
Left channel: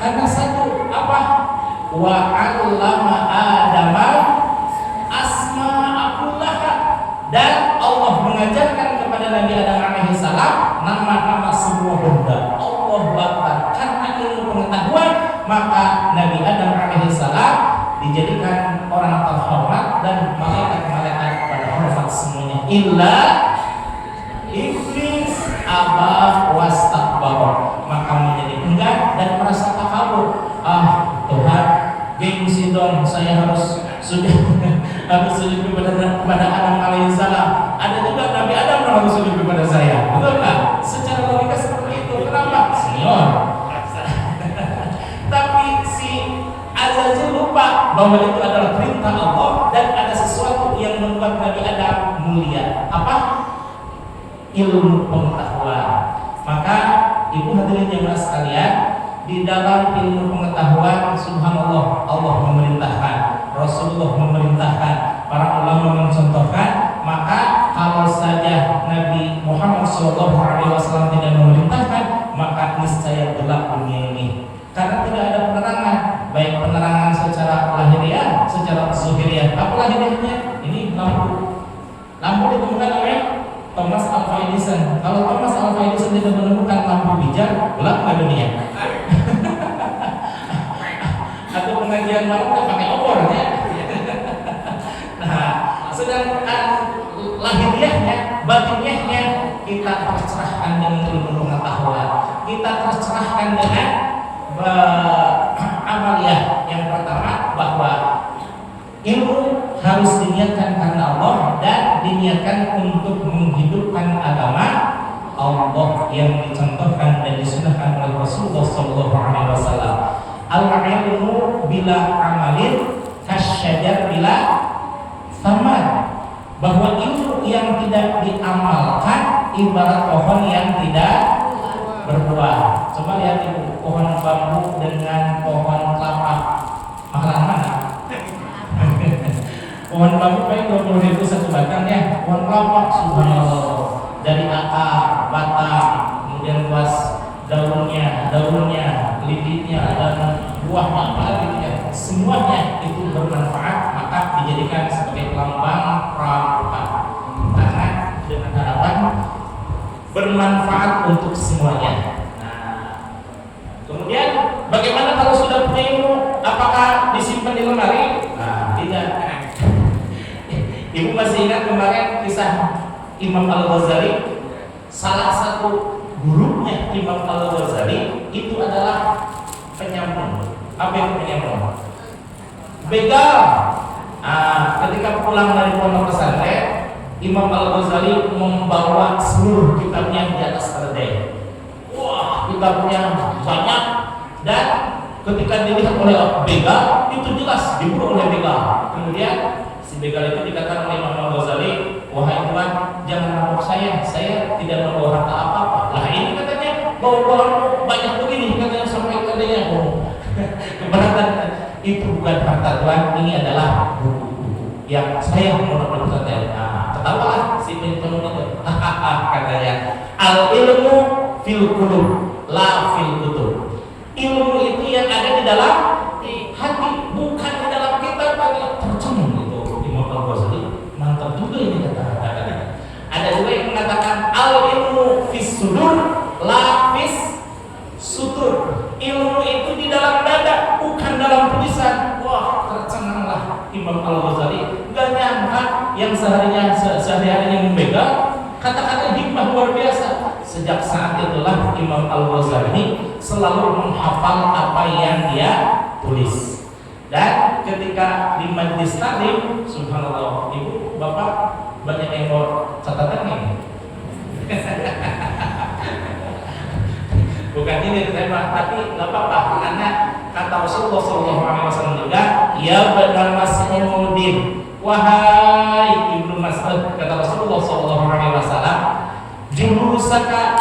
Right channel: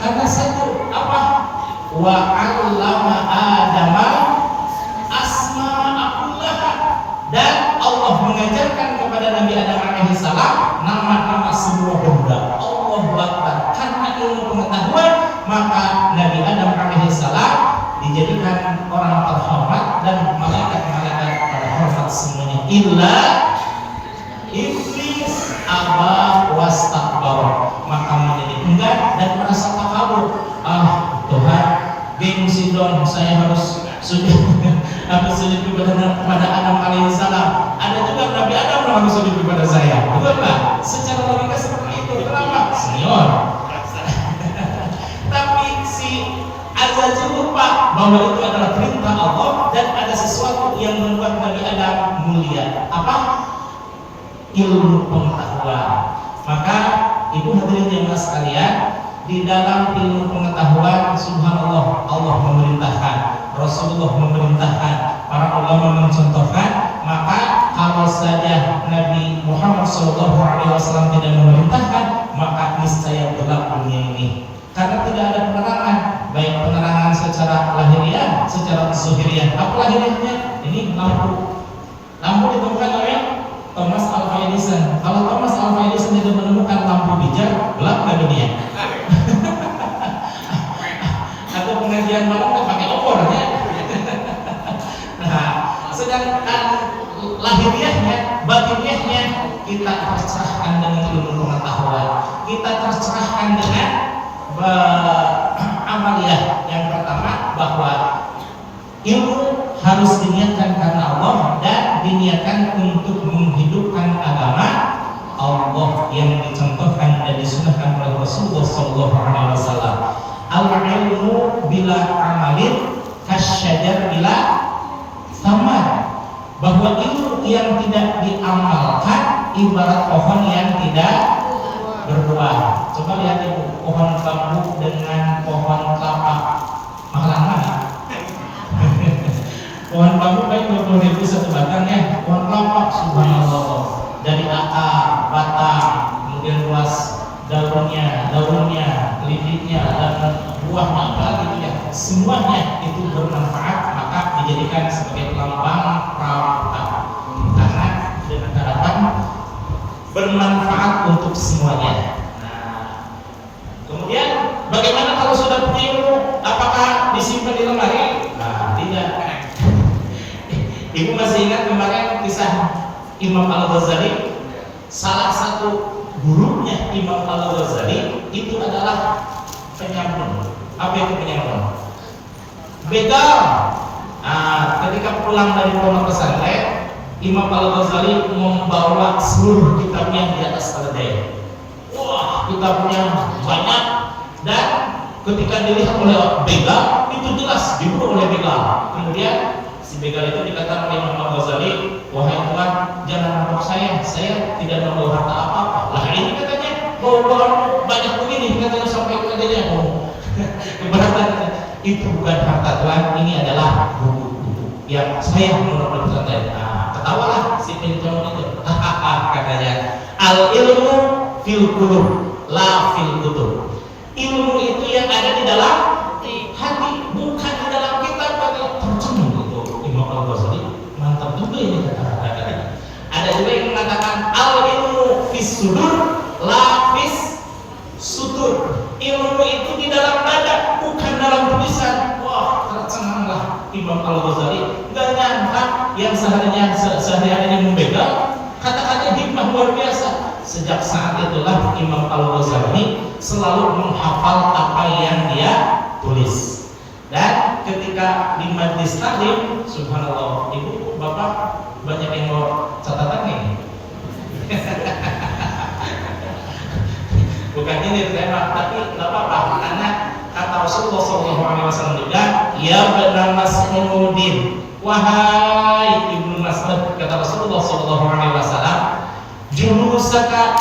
Karena satu, apa? Wa 'allama Adama asma'akullaha, dan Allah mengajarkan kepada Nabi Adam alaihissalam nama-nama semua benda. Allahu Akbar. Karena ilmu pengetahuan, maka Nabi Adam alaihissalam dijadikan orang terhormat dan malaikat-malaikat pada hormat semuanya. Illa iblis aba wastakbara, maka menjadi enggan dan merasa takabur. Tuhan, gengsi dong, saya harus sujud kepada Adam alaihissalam. Ada juga Nabi Adam harus sujud kepada saya, betul nggak? Secara logika seperti itu. Kenapa? Senior. Tapi si Azazil lupa bahwa itu adalah perintah Allah dan ada sesuatu yang membuat Nabi Adam mulia. Apa? Ilmu pengetahuan. Maka ibu hadirin jemaah sekalian, di dalam ilmu pengetahuan, subhanallah, Allah memerintahkan, Rasulullah memerintahkan, para ulama mencontohkan. Maka kalau saja Nabi Muhammad SAW tidak memerintahkan, maka niscaya gelap dunia ini. Karena tidak ada penerangan, baik penerangan secara lahiriah, secara zuhiriah. Apa lahiriahnya? Ini lampu. Lampu ditemukan oleh Thomas Alva Edison. Kalau Thomas Alva Edison tidak menemukan lampu bijak, gelap nggak dunia? Atau pengajian malam nggak pakai obor ya? Nah, sedangkan lahiriahnya, batiniahnya kita tercerahkan dengan ilmu pengetahuan, kita tercerahkan dengan amaliyah. Yang pertama, bahwa ilmu harus diniatkan karena Allah dan diniatkan untuk menghidupkan agama Allah yang dicontohkan dan disunahkan oleh Rasulullah SAW. Al-ilmu bila amalin kasyajar bila samar, bahwa ilmu yang tidak diamalkan ibarat pohon yang tidak berbuah. Coba lihat ibu, pohon bambu dengan pohon kelapa, mahalan mana? Pohon bambu paling 20.000 satu batang ya. Pohon kelapa, subhanallah, dari akar, batang, kemudian luas daunnya, lilitnya, dan buahnya, apalagi itu ya, semuanya itu bermanfaat, maka dijadikan sebagai lambang pramuka. Karena dengan harapan bermanfaat untuk semuanya. Nah, kemudian bagaimana kalau sudah punya ilmu? Apakah disimpan di lemari? Nah, tidak. Ibu masih ingat kemarin kisah Imam Al-Ghazali? Salah satu gurunya Imam Al-Ghazali itu adalah penyambung. Apa itu penyambung? Begal. Ketika pulang dari pondok pesantren, Imam Al-Ghazali membawa seluruh kitabnya di atas keledai. Wah, kitabnya banyak, dan ketika dilihat oleh begal, itu jelas diburu oleh begal. Kemudian si begal itu dikatakan oleh Imam Al-Ghazali, wahai Tuhan, jangan mabuk saya tidak membawa harta apa-apa. Lah ini katanya bawa banyak begini, katanya sampai keledainya. Keberatan, itu bukan harta Tuhan, ini adalah buku-buku yang saya menurut pesantren. Ketawalah si pencalon itu, katanya, al ilmu fil qulub la fil kutub. Ilmu itu yang ada di dalam hati, bukan di dalam kitab. Katanya tercenung itu Imam Al-Ghazali, mantap juga ini kata-kata. Ada juga yang mengatakan al ilmu fis sudur la fis sutur. Ilmu itu di dalam dada, bukan dalam tulisan. Wah, tercenganglah Imam Al-Ghazali. Nggak nyangka yang sehari-harinya membegal, kata-kata hikmah luar biasa. Sejak saat itulah Imam Al-Ghazali selalu menghafal apa yang dia tulis. Dan ketika di majlis taklim, subhanallah, ibu, bapak banyak yang bawa catatan ini. Bukan ini tema, tapi nggak apa-apa, karena kata Rasulullah SAW juga, ya benar Mas'udin, wahai Ibnu Mas'ud, kata Rasulullah SAW, julusaka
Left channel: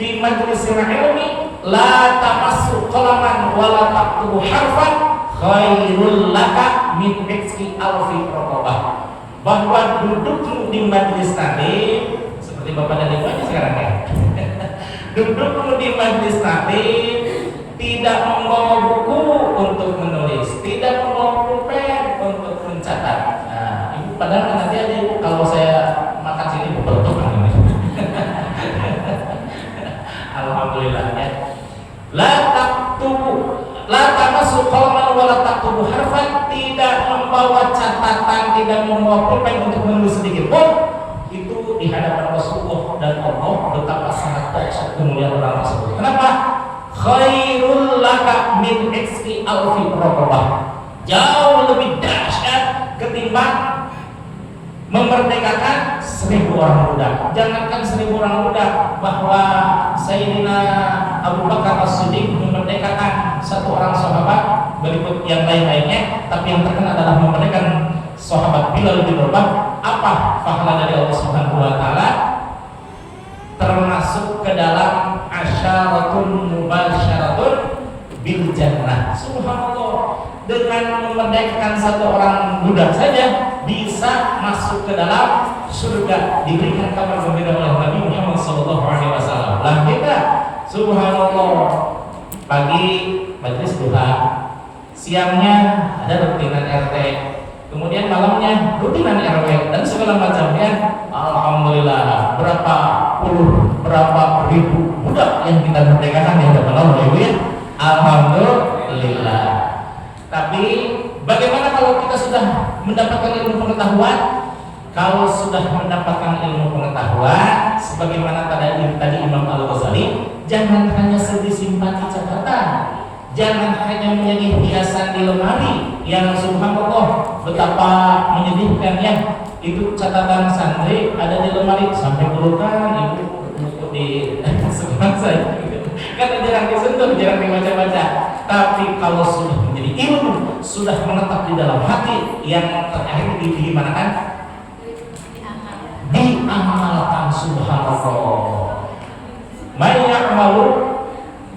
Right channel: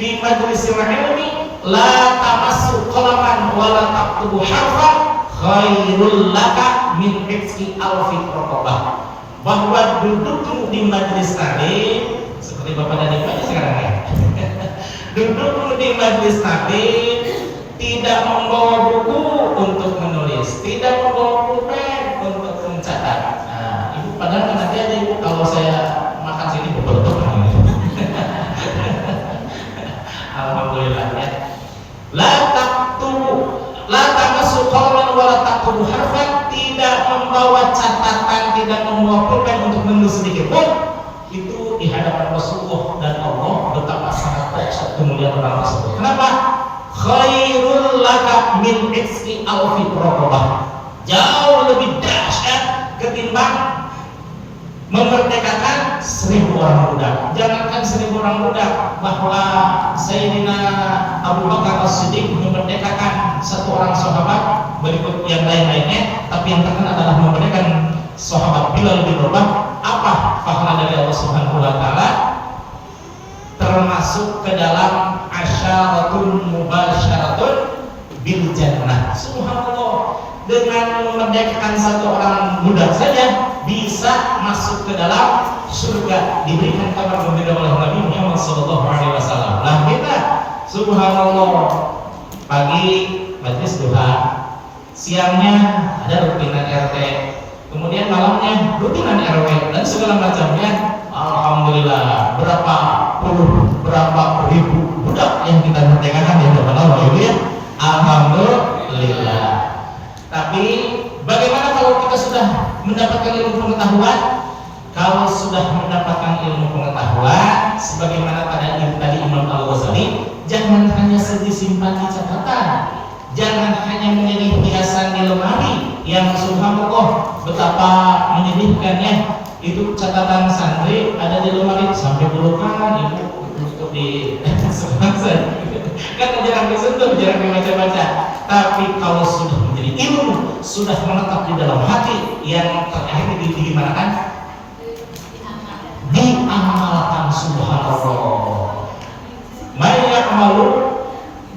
fi majlisil ilmi la tamassu qalaman wa la taktubu harfan khairul laka min hifzi alfi raqabah. Bahwa duduk di majlis taklim seperti bapak dan ibu aja sekarang ya. Duduk di majlis taklim, tidak membawa buku untuk menulis, tidak membawa pulpen untuk mencatat. Nah, ibu padahal nanti aja ibu kalau saya makan sini betul ini. Alhamdulillah ya. La tamassu qalaman wa la taktubu harfan, tidak membawa catatan, tidak membawa pulpen untuk menulis sedikit pun. Itu di hadapan Rasulullah dan Allah betapa sangat dahsyat kemuliaan orang tersebut. Kenapa? Khairul laka min hifzi alfi raqabah. Jauh lebih dahsyat ketimbang memerdekakan 1000 orang budak. Jangankan 1000 orang budak, bahwa Sayyidina Abu Bakar As-Siddiq memerdekakan 1 orang sahabat, berikut yang lain-lainnya, tapi yang terkenal adalah memerdekakan sahabat Bilal bin Rabah. Apa pahala dari Allah Subhanahu wa taala? Termasuk ke dalam asyaratun mubasyaratun bil jannah. Subhanallah, dengan memerdekakan satu orang budak saja bisa masuk ke dalam surga, diberikan kabar gembira oleh Nabi Muhammad SAW. Lah kita, subhanallah, pagi majlis duha, siangnya ada rutinan RT, kemudian malamnya rutinan RW dan segala macamnya. Alhamdulillah, berapa ribu budak yang kita merdekakan ya Bapak Ibu ya. Alhamdulillah. Tapi bagaimana kalau kita sudah mendapatkan ilmu pengetahuan? Kalau sudah mendapatkan ilmu pengetahuan, sebagaimana tadi Imam Al-Ghazali, jangan hanya disimpan di catatan, jangan hanya menjadi hiasan di lemari yang subhanallah betapa menyedihkannya. Itu catatan santri ada di lemari sampai puluhan ibu untuk di sekolah saya kan jarang disentuh, jarang dibaca-baca. Tapi kalau sudah menjadi ilmu, sudah menetap di dalam hati, yang terakhir di mana kan? Diamalkan, subhanallah. May ya'malu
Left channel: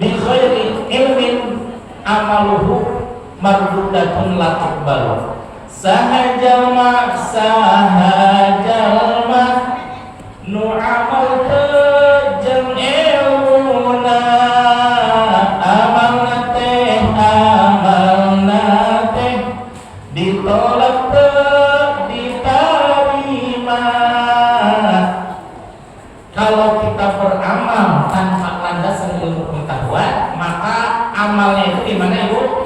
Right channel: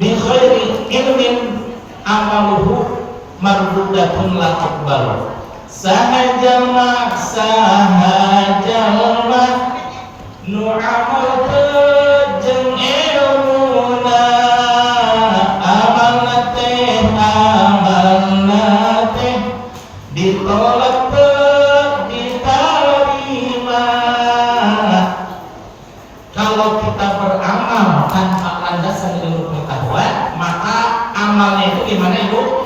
bi khairi ilmin amaluhu mardudatun la tuqbalu. Sahajalma nu'amal jam ilmuna amal nate ditolak diterima. Kalau kita beramal tanpa landasan ilmu pengetahuan, maka amalnya itu gimana Ibu?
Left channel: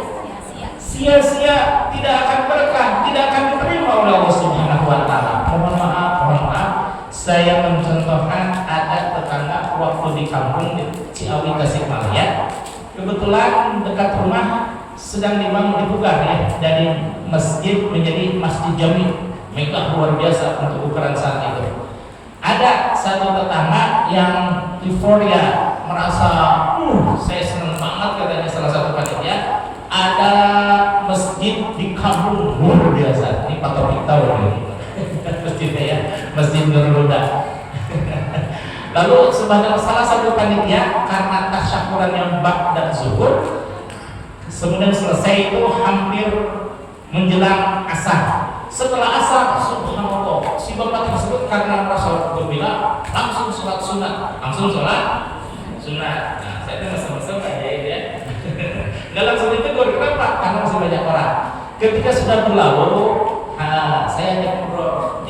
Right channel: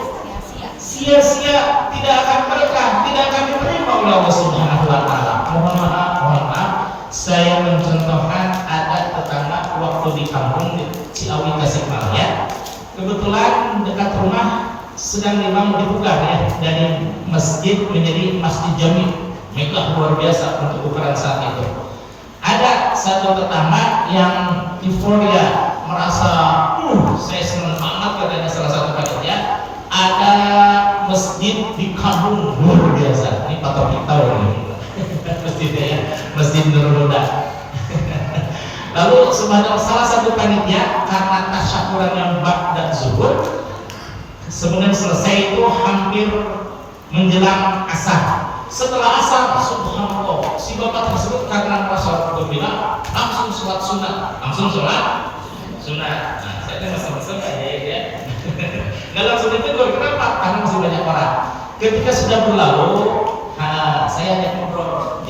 Sia-sia, tidak akan berkah, tidak akan diterima oleh Allah Subhanahu wa taala. Mohon maaf, saya mencontohkan ada tetangga waktu di kampung di Ciawi Tasikmalaya. Kebetulan dekat rumah sedang dibangun dibuka ya, dari masjid menjadi masjid jami. Megah luar biasa untuk ukuran saat itu. Ada satu tetangga yang euforia, merasa saya senang banget katanya salah satu panitia. Ada masjid di kampung luar biasa. Ini Pak Taufik tahu nih masjidnya ya, Masjid Nurul Huda. Lalu sebenarnya salah satu panitia karena tasyakuran yang bak dan zuhur, sebenarnya selesai itu hampir menjelang asar. Setelah asar, subhanallah, si bapak tersebut karena merasa gembira langsung sholat sunat, Nah, saya mesem-mesem aja ya. Nggak langsung ditegur, kenapa? Karena masih banyak orang. Ketika sudah berlalu, saya ajak ngobrol,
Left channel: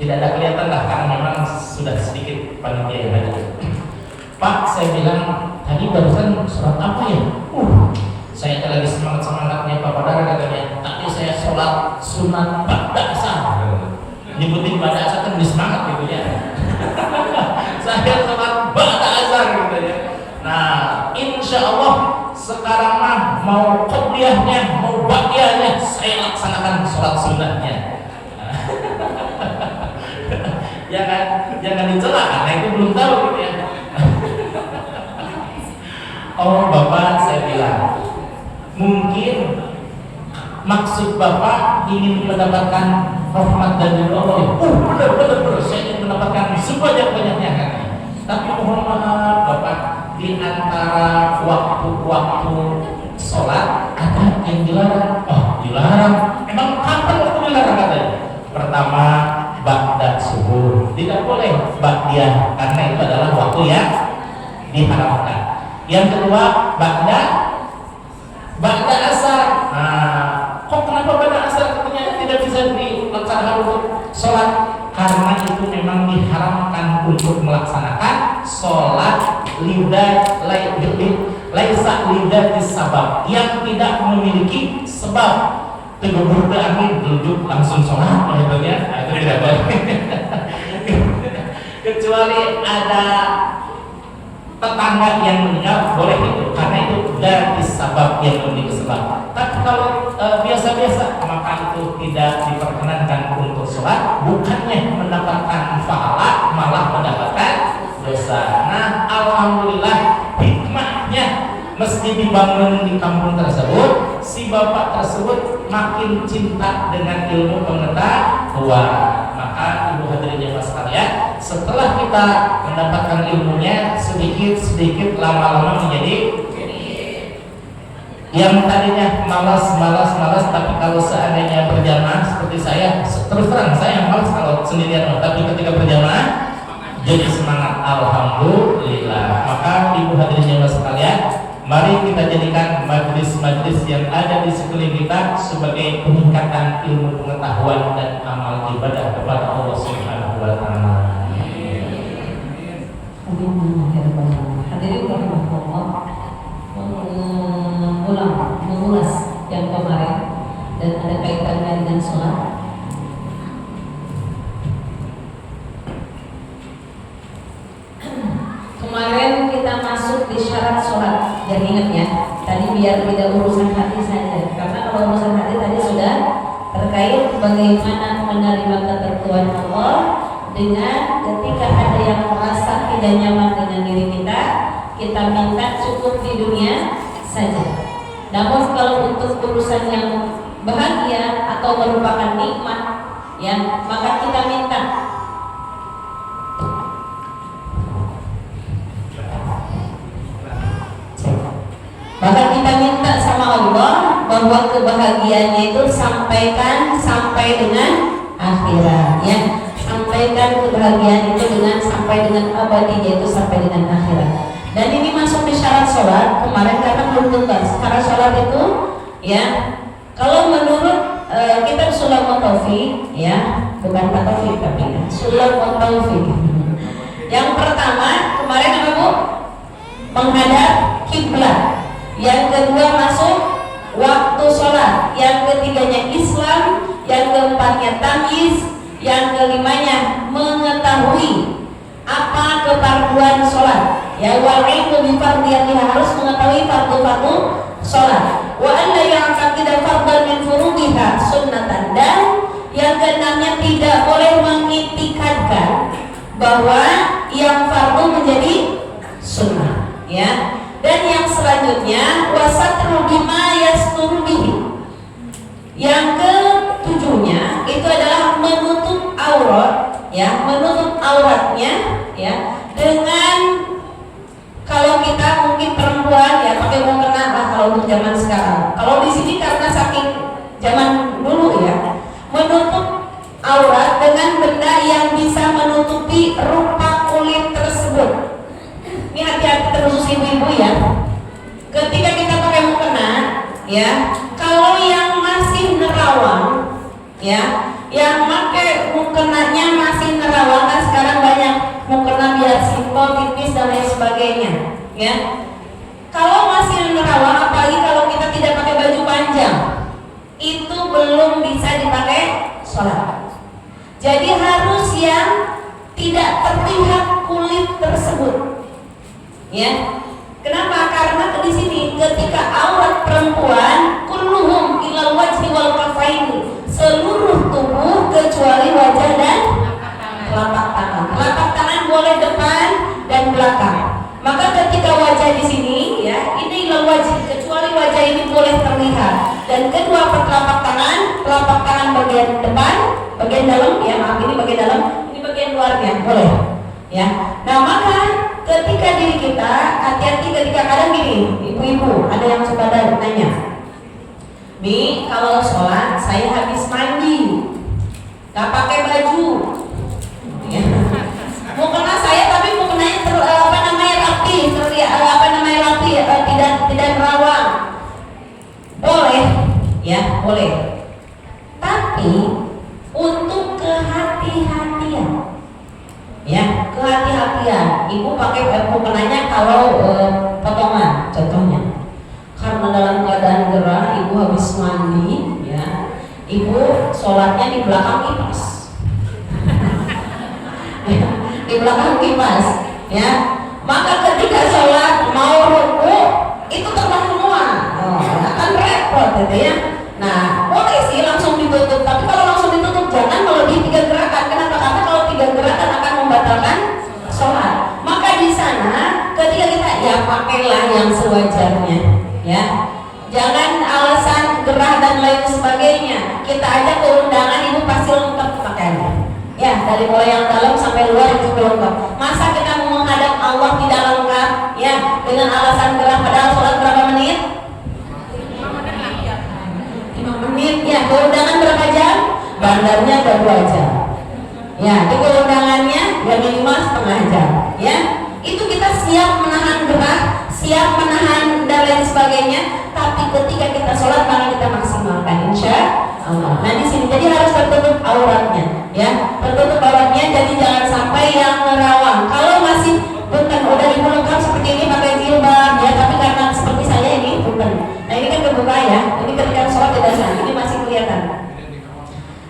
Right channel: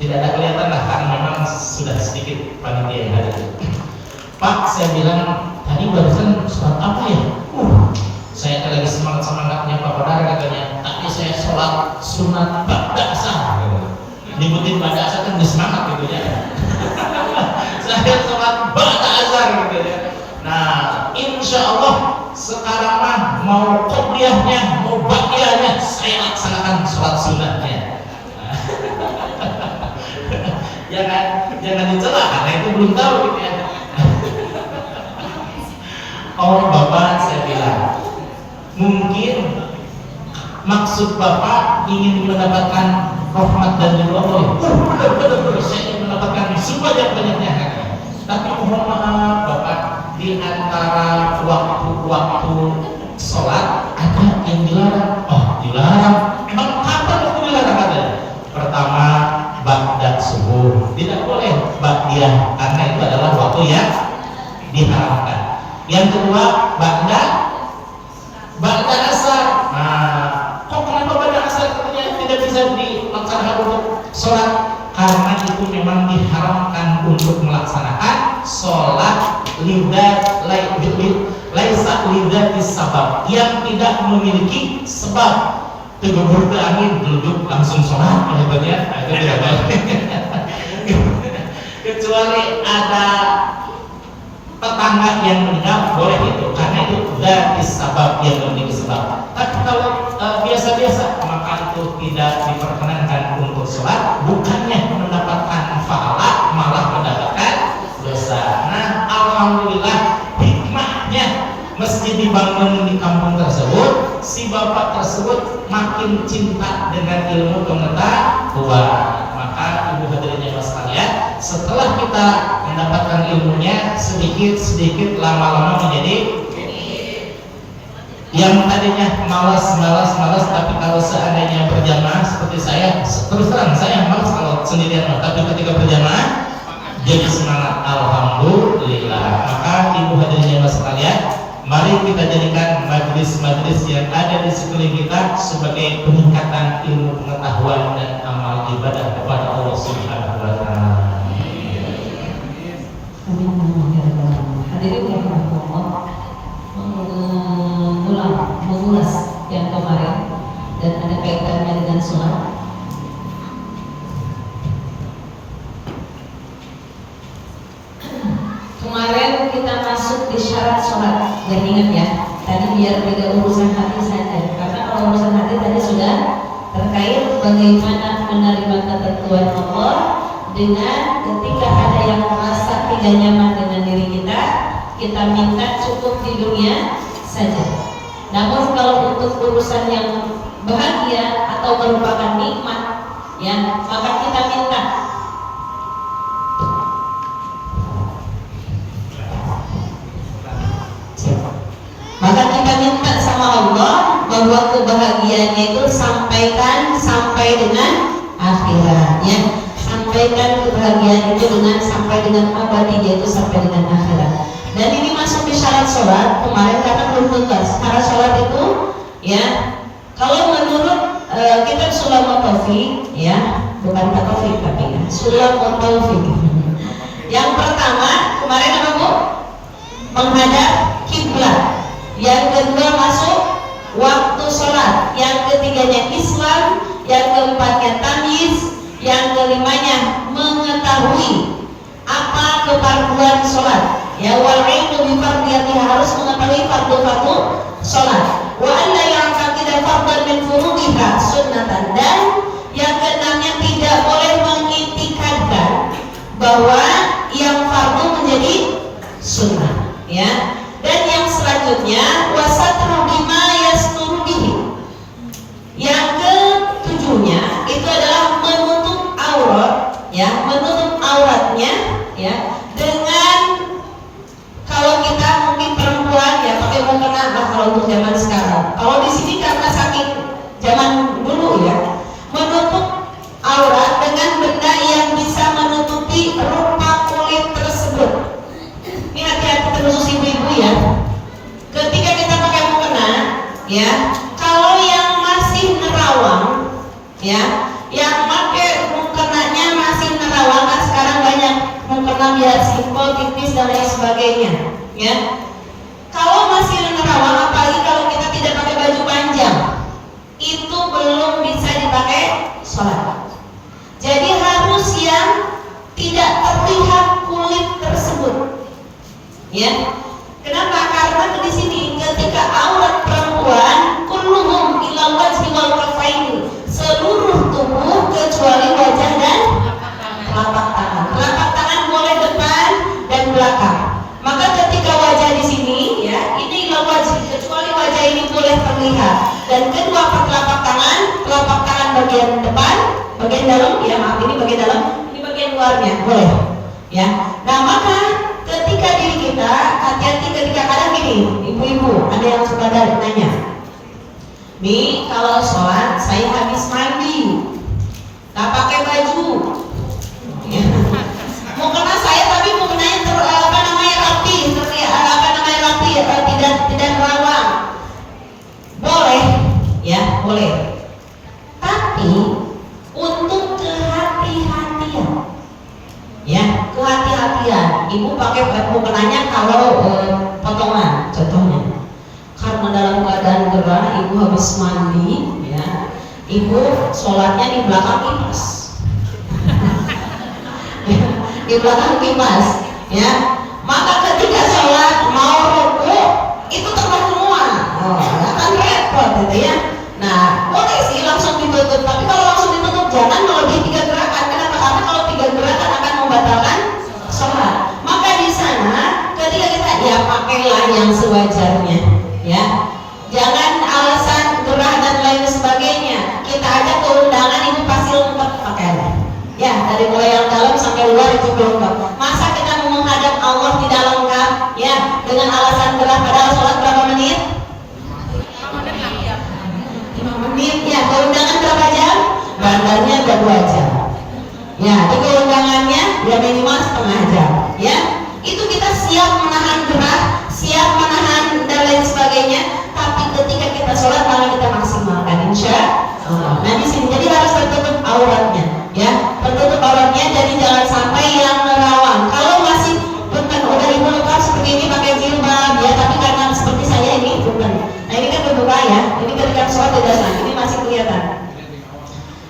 tidak ada kelihatan lah karena memang sudah sedikit panitia yang hadir. Pak, saya bilang tadi barusan sholat apa ya? Saya lagi semangatnya Pak Badar katanya. Tapi saya sholat sunat ba'da asar. Nyebutin ba'da asar kan semangat gitu ya. Saya sholat ba'da asar gitu ya. Nah, insya Allah sekarang mah mau qobliyahnya, mau ba'diyahnya, saya laksanakan sholat sunatnya. Jangan dicela, karena itu belum tahu gitu ya. Oh Bapak, saya bilang mungkin maksud Bapak ingin mendapatkan rahmat dan ridho Allah. Benar, saya ingin mendapatkan sebanyak-banyaknya. Tapi mohon maaf Bapak, di antara waktu-waktu sholat ada yang dilarang. Dilarang. Emang kapan waktu dilarang ada? Pertama, ba'da subuh, tidak boleh ba'diyah karena itu adalah waktu yang diharamkan. Yang kedua, ba'da asar. Kok kenapa ba'da asar katanya tidak bisa dilaksanakan untuk sholat? Karena itu memang diharamkan untuk melaksanakan sholat laisa lidati sabab, yang tidak memiliki sebab. Tegur ke angin, duduk langsung sholat, maksudnya itu tidak boleh. Kecuali ada tetangga yang mendengar, boleh itu, karena itu dari sabab yang memiliki sebab. Tapi kalau biasa-biasa, maka itu tidak diperkenankan untuk sholat, bukannya mendapatkan pahala, malah mendapatkan dosa. Nah, alhamdulillah hikmahnya masjid dibangun di kampung tersebut, si bapak tersebut makin cinta dengan ilmu pengetahuan. Maka ibu hadirin jemaah sekalian, setelah kita mendapatkan ilmunya sedikit-sedikit, lama-lama menjadi Yang tadinya malas, tapi kalau seandainya berjamaah seperti saya, terus terang saya malas kalau sendirian, tapi ketika berjamaah jadi semangat. Alhamdulillah. Maka ibu hadirin yang sekalian, mari kita jadikan majelis-majelis yang ada di sekeliling kita sebagai peningkatan ilmu pengetahuan dan amal ibadah kepada Allah Subhanahu wa taala. Amin. Hadirin rahimahullah, mengulas yang kemarin dan ada kaitannya dengan sholat. Kemarin kita masuk di syarat sholat, dan ingat ya, tadi biar tidak urusan hati saja, karena kalau urusan hati tadi sudah terkait bagaimana menerima ketentuan Allah dengan ketika ada yang merasa tidak nyaman dengan diri kita minta cukup di dunia saja. Namun kalau untuk urusan yang bahagia atau merupakan nikmat, ya, maka kita minta. Maka kita minta sama Allah bahwa kebahagiaannya itu sampaikan sampai dengan akhirat, ya. Sampaikan kebahagiaan itu sampai dengan abadinya itu sampai dengan akhirat. Dan ini masuk di syarat sholat kemarin karena belum tuntas. Syarat sholat itu, ya, kalau menurut kitab Sulamul Taufik, ya, bukan Pak Taufik tapi ya, Sulamul Taufik. Yang pertama kemarin apa Bu? Menghadap kiblat. Yang kedua masuk waktu sholat. Yang ketiganya Islam. Yang keempatnya tamyiz. Yang kelimanya mengetahui apa keparduan sholat. Ya, wal ilmu bi fardiyatiha, harus mengetahui fardu-fardu sholat. Wa an la ya'taqida fardhan min furudiha sunnatan, dan yang keenamnya tidak boleh mengitikadkan bahwa yang fardu menjadi sunnah, ya. Dan yang selanjutnya wasatru bima yasturu bihi. Yang ketujuhnya itu adalah menutup aurat, ya, menutup auratnya, ya, dengan, kalau kita mungkin perempuan ya pakai mukena lah kalau untuk zaman sekarang. Kalau di sini karena saking zaman dulu ya, menutup aurat dengan benda yang bisa menutupi rupa kulit tersebut. Ini hati-hati terkhusus ibu-ibu ya. Ketika kita pakai mukena, ya, kalau yang masih nerawang, ya, yang pakai mukenanya masih nerawang, kan sekarang banyak mukena biar simpel, tipis dan lain sebagainya, ya. Kalau masih nerawang, apalagi kalau kita tidak pakai baju panjang, itu belum bisa dipakai sholat. Jadi harus yang tidak terlihat kulit tersebut, ya. Kenapa? Karena di sini ketika aurat perempuan kulluhum ilal wajhi wal kafaini, seluruh tubuh kecuali wajah dan telapak tangan. Telapak tangan boleh depan dan belakang. Maka ketika wajah di sini, ya, ini ilal wajhi, kecuali wajah ini boleh terlihat. Dan kedua telapak tangan bagian depan, bagian dalam, ya, maaf, ini bagian dalam, ini bagian luarnya boleh, ya. Nah, maka ketika diri kita hati-hati ketika kadang gini, ibu-ibu ada yang suka nanya, Mi, kalau sholat saya habis mandi, gak pakai baju, ya. Mukena saya tapi mukenanya rapi, rapi, tidak nerawang, boleh, ya, boleh. Tapi untuk kehati-hatian, ya, kehati-hatian. Ibu pakai mukenanya kalau potongan, contohnya, karena dalam keadaan gerah, ibu habis mandi, ya, ibu sholatnya di belakang kipas, ya, di belakang kipas, ya. Maka ketika sholat mau ruku itu terbang semua, ya kan repot, gitu ya. Nah, boleh sih langsung ditutup, tapi kalau langsung ditutup jangan melebihi 3 gerakan. Kenapa? Karena kalau 3 gerakan akan membatalkan sholat. Maka di sana ketika kita, ya, pakailah yang sewajarnya, ya. Jangan alasan gerah dan lain sebagainya. Kita ajak ke undangan, ibu pasti lengkap pakaiannya, ya, dari mulai yang dalam sampai luar itu lengkap. Masa kita mau menghadap Allah tidak lengkap, ya, dengan alasan gerah padahal sholat berapa menit? Ya, keundangan berapa jam? Bandarnya ada 2 jam. Ya, itu keundangannya ya minimal setengah jam. Ya, itu kita siap menahan gerah, siap menahan dan lain sebagainya. Tapi ketika kita sholat malah kita maksimalkan, insya Allah. Nah di sini jadi harus tertutup auratnya, ya, tertutup auratnya. Jadi jangan sampai yang nerawang. Kalau masih bukan udah ibu lengkap seperti ini pakai jilbab, ya, tapi karena seperti saya ini bukan. Nah ini kan kebuka ya, ini ketika sholat tidak sah, ini masih kelihatan.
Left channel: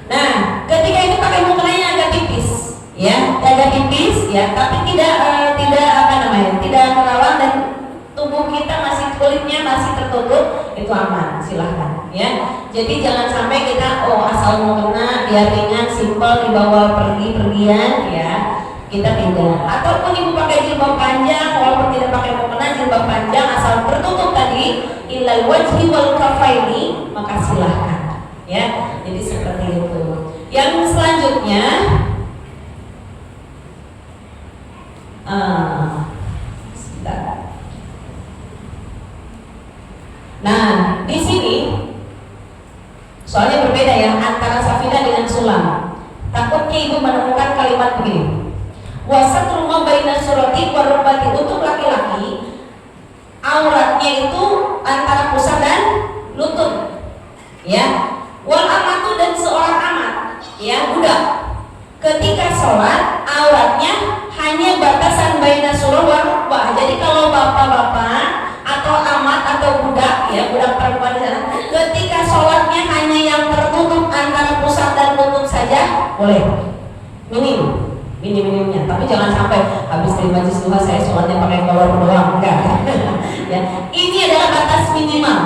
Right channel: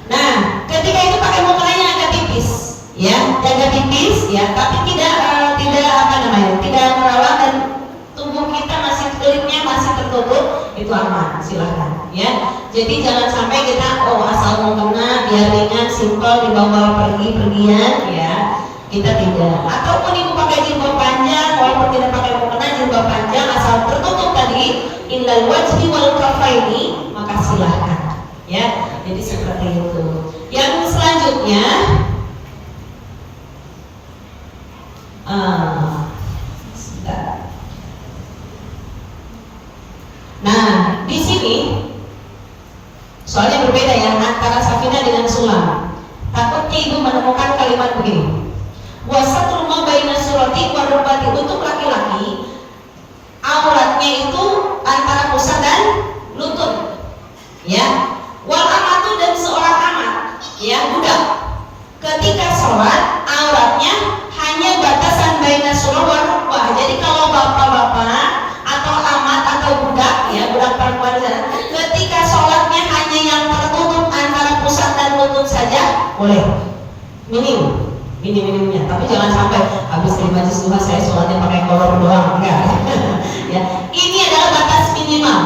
Nah ketika itu pakai mukanya agak tipis, ya, agak tipis, ya, tapi tidak tidak nerawang dan tubuh kita masih kulitnya masih tertutup, itu aman, silahkan, ya. Jadi jangan sampai kita asal mau kena biar ringan, simpel dibawa pergi-pergian, ya, kita tidak. Ataupun ibu pakai jilbab panjang, walaupun tidak pakai mukena, jilbab panjang asal tertutup tadi illal wajhi wal kafaini, maka silahkan, ya. Jadi seperti itu. Yang selanjutnya nah, di sini soalnya berbeda ya antara safina dengan sulam. Takutnya ibu menemukan kalimat begini. Wasatul ma baina surati wa rukbati, untuk laki-laki auratnya itu antara pusat dan lutut. Ya. Wal amatu, dan seorang amat, ya, budak. Ketika sholat auratnya hanya batasan baina surah wa rukbah. Jadi kalau bapak-bapak atau amat atau budak, ya, budak perempuan di sana, ketika sholatnya hanya yang tertutup antara pusat dan lutut saja, boleh. Minimnya. Tapi jangan sampai habis dari majlis duha saya sholatnya pakai kolor doang, enggak. Ya, ini adalah batas minimal.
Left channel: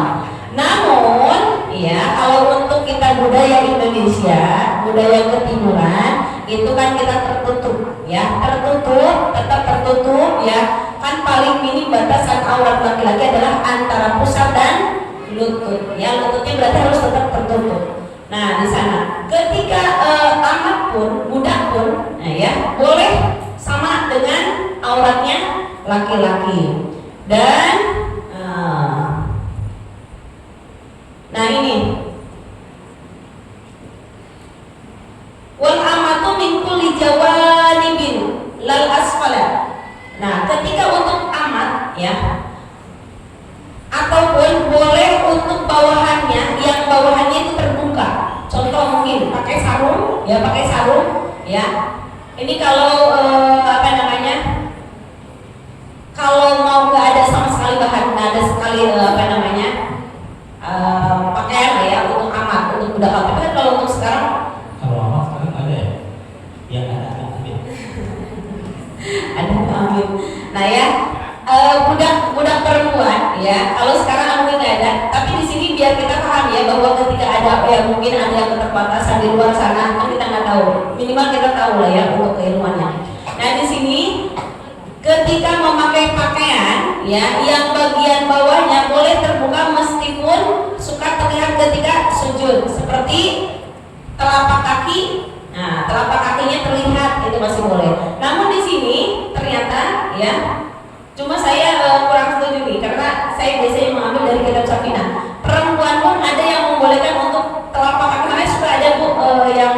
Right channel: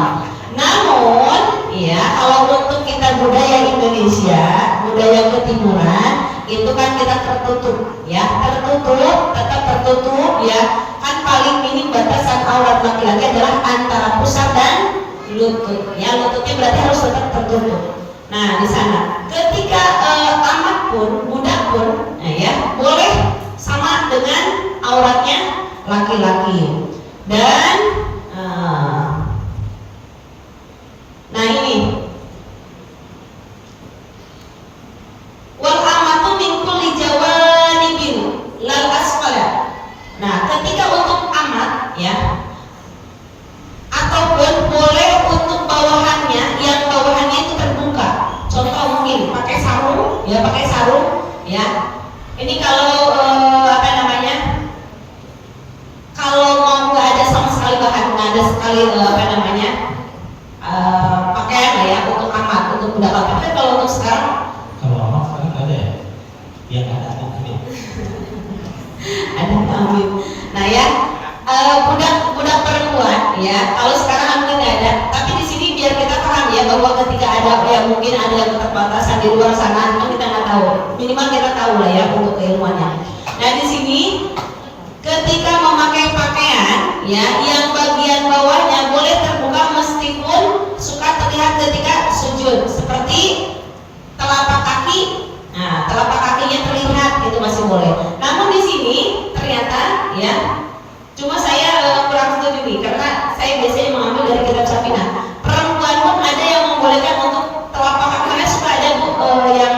Namun, ya, kalau untuk kita budaya Indonesia, budaya ketimuran, itu kan kita tertutup, ya, tetap tertutup, ya. Kan paling minim batasan aurat laki-laki adalah antara pusat dan lutut, ya, lututnya berarti harus tetap tertutup. Nah di sana ketika amat pun, budak pun, nah, ya, boleh sama dengan auratnya laki-laki. Dan nah ini wal amatu min kulli jawanibin lal asfala. Nah, ketika untuk amat, ya, ataupun boleh untuk bawahannya, yang bawahannya itu terbuka. Contoh mungkin pakai sarung, ya. Ini kalau kalau mau nggak ada sama sekali bahan, nggak ada sekali pakaian, ya, untuk amat, untuk budak. Tapi kan kalau untuk sekarang, kalau amat sekarang nggak ada ya, yang ada ambil. ada ambil. Nah, ya, budak perempuan, ya, kalau sekarang mungkin nggak ada. Tapi di sini biar kita paham, ya, bahwa ketika ada, ya, mungkin ada yang keterbatasan di luar sana, kan kita nggak tahu. Minimal kita tahu lah, ya, untuk keilmuannya. Nah di sini ketika memakai pakaian, ya, yang bagian bawahnya boleh terbuka meskipun suka terlihat ketika sujud, seperti telapak kaki. Nah, telapak kakinya terlihat, itu masih boleh. Namun di sini ternyata, ya, cuma saya kurang setuju nih, karena saya biasanya mengambil dari kitab Safina. Perempuan pun ada yang membolehkan untuk telapak kaki, karena suka ada yang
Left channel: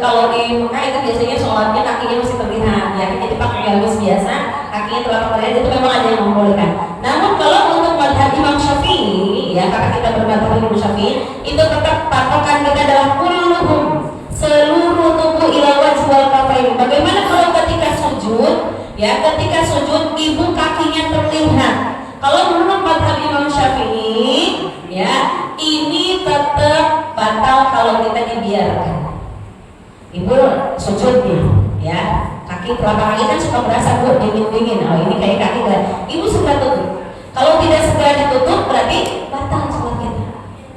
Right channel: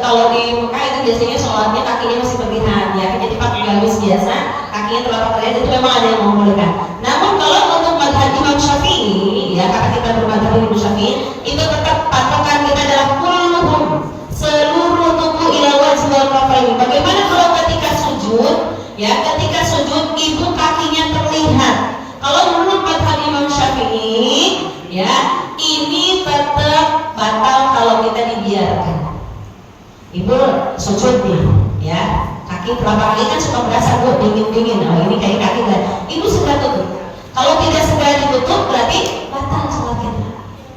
kalau di Mekah itu biasanya sholatnya kakinya masih terlihat, ya, jadi pakai gamis biasa, kakinya telapak terlihat, itu memang ada yang membolehkan. Namun kalau untuk madhab Imam Syafi'i, ya, karena kita bermadhab Imam Syafi'i, itu tetap patokan kita adalah kulluhum, seluruh tubuh ila wajhi wal kafain. Bagaimana kalau ketika sujud, ya, ketika sujud ibu kakinya terlihat? Kalau menurut madhab Imam Syafi'i, ya, ini tetap batal kalau kita dibiarkan. Ibu sujud nih, ya, kaki telapak kaki kan suka berasa dingin. Oh, ini kayak kaki ibu sudah tutup. Kalau tidak segera ditutup berarti batal sholat kita,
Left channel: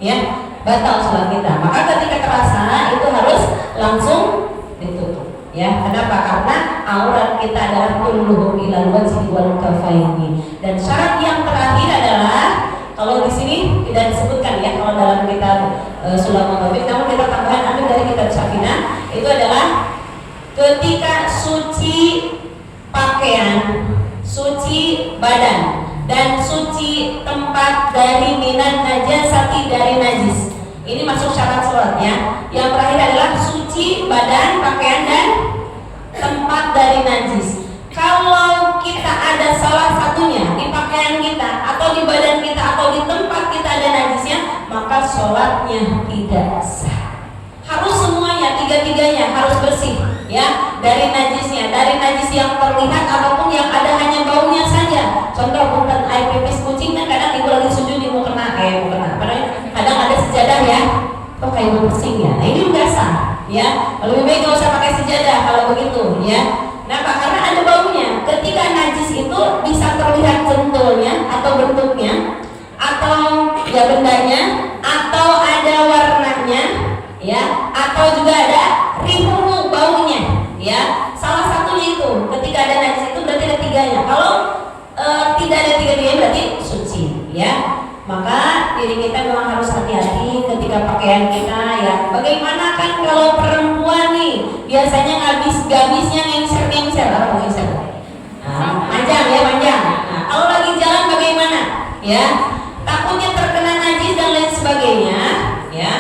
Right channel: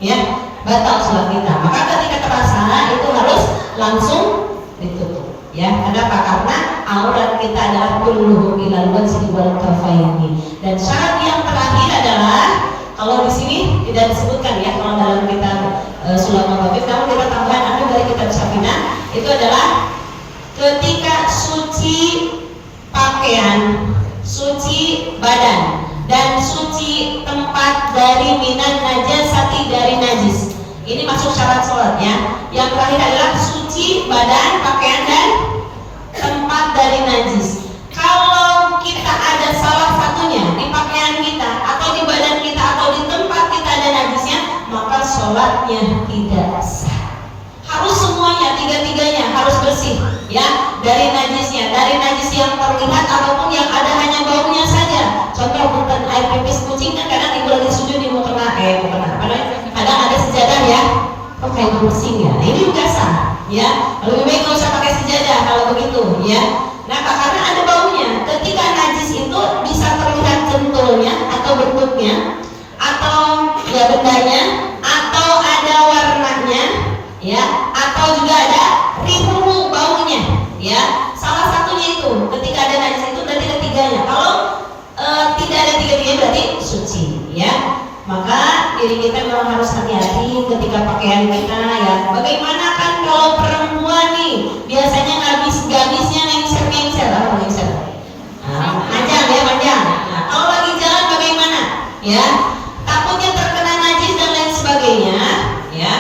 ya, batal sholat kita. Maka ketika terasa itu harus langsung ditutup, ya. Kenapa? Karena aurat kita adalah kulluhu ilal wajhi wal kafaini. Dan syarat yang terakhir adalah, kalau di sini tidak disebutkan, ya, kalau dalam kitab Sulatul Tawfiq, namun kita tambahan ambil dari kitab Safina, itu adalah ketika suci pakaian, suci badan, dan suci tempat dari minan najasati, dari najis. Ini masuk syarat sholatnya. Yang terakhir adalah suci badan, pakaian, dan tempat dari najis. Kalau kita ada salah satunya di pakaian kita, atau di badan kita, atau di tempat kita ada najisnya, maka sholatnya tidak sah. Harus semuanya, tiga-tiganya harus bersih, ya, dari najisnya, dari najis yang terlihat ataupun yang ada hanya baunya saja. Contoh punten air pipis kucing kan kadang ibu lagi sujud mau kena, padahal kadang ada sejadah ya, kok kayak bersih ya. Nah, ini juga sah, ya. Lebih baik nggak usah pakai sejadah kalau begitu, ya. Kenapa? Karena ada baunya. Ketika najis itu bisa terlihat jempolnya atau bentuknya, atau ya bendanya, atau ada warnanya, ya, atau juga ada rihu baunya, ya. Salah satunya itu ketika ada najis itu berarti ada tiganya. Kalau tidak ada tiga-tiganya berarti suci, ya. Maka diri kita memang harus hati-hati ketika pakaian kita, ya. Bagaimana kan kalau perempuan nih biasanya habis-habisnya ngengser, apa ngengser? Panjang ya, panjang. Nah, kalau lagi jalan bagaimana? Ya, takutnya terkena najis dan lain sebagainya, ya.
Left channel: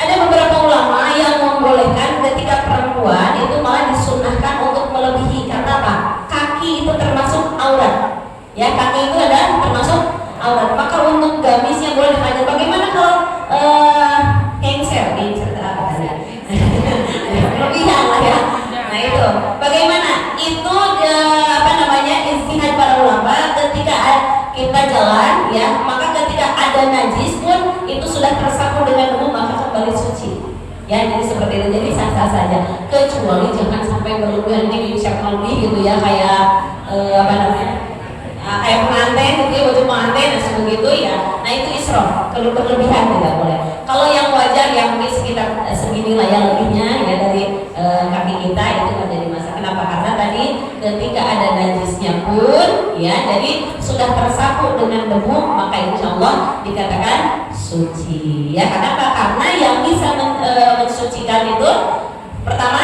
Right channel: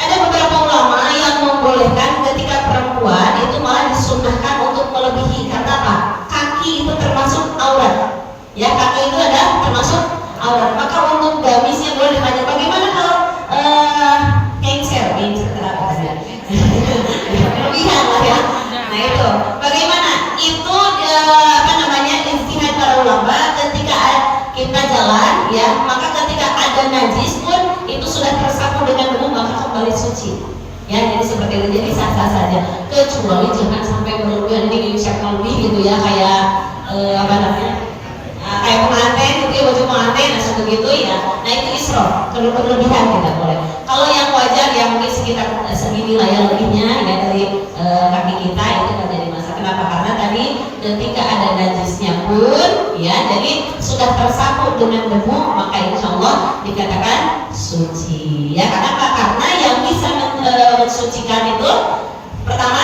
Ada beberapa ulama yang membolehkan ketika perempuan itu malah disunnahkan untuk melebihi. Karena apa? Kaki itu termasuk aurat. Ya, kaki itu ada termasuk aurat. Maka untuk gamisnya boleh dipanjang. Bagaimana kalau ngengser apa tadi? Kelebihan lah ya. Nah itu, bagaimana? Itu ijtihad para ulama ketika kita jalan, ya, maka ketika ada najis pun itu sudah tersapu dengan debu maka kembali suci. Ya, jadi seperti itu, jadi sah-sah saja. Kecuali jangan sampai berlebihan, ini bisa lebih gitu ya, kayak kayak pengantin gitu ya, baju pengantin seperti itu ya. Nah itu israf, berlebihan tidak boleh. Kalau yang wajar yang mungkin sekitar segini lah ya lebihnya ya dari kaki kita itu kan jadi masalah. Kenapa? Karena tadi ketika ada najisnya pun ya, jadi sudah tersapu dengan debu maka insya Allah dikatakan suci. Ya, kenapa? Karena yang bisa mensucikan itu pertama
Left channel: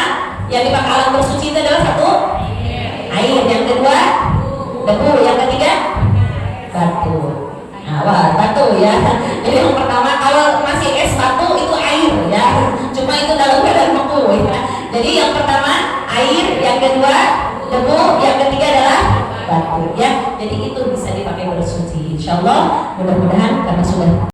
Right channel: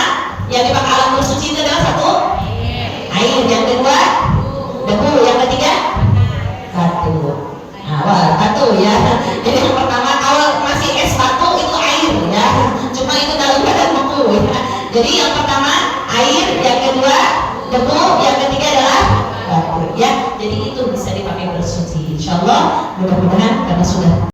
yang dipakai alat bersuci itu adalah satu air, yang kedua debu, yang ketiga batu. Nah, batu ya. Jadi yang pertama kalau masih es batu itu air ya. Cuma itu dalam keadaan beku ya. Jadi yang pertama air, yang kedua debu, yang ketiga adalah batu ya. Jadi itu bisa dipakai bersuci. Insyaallah mudah-mudahan karena sudah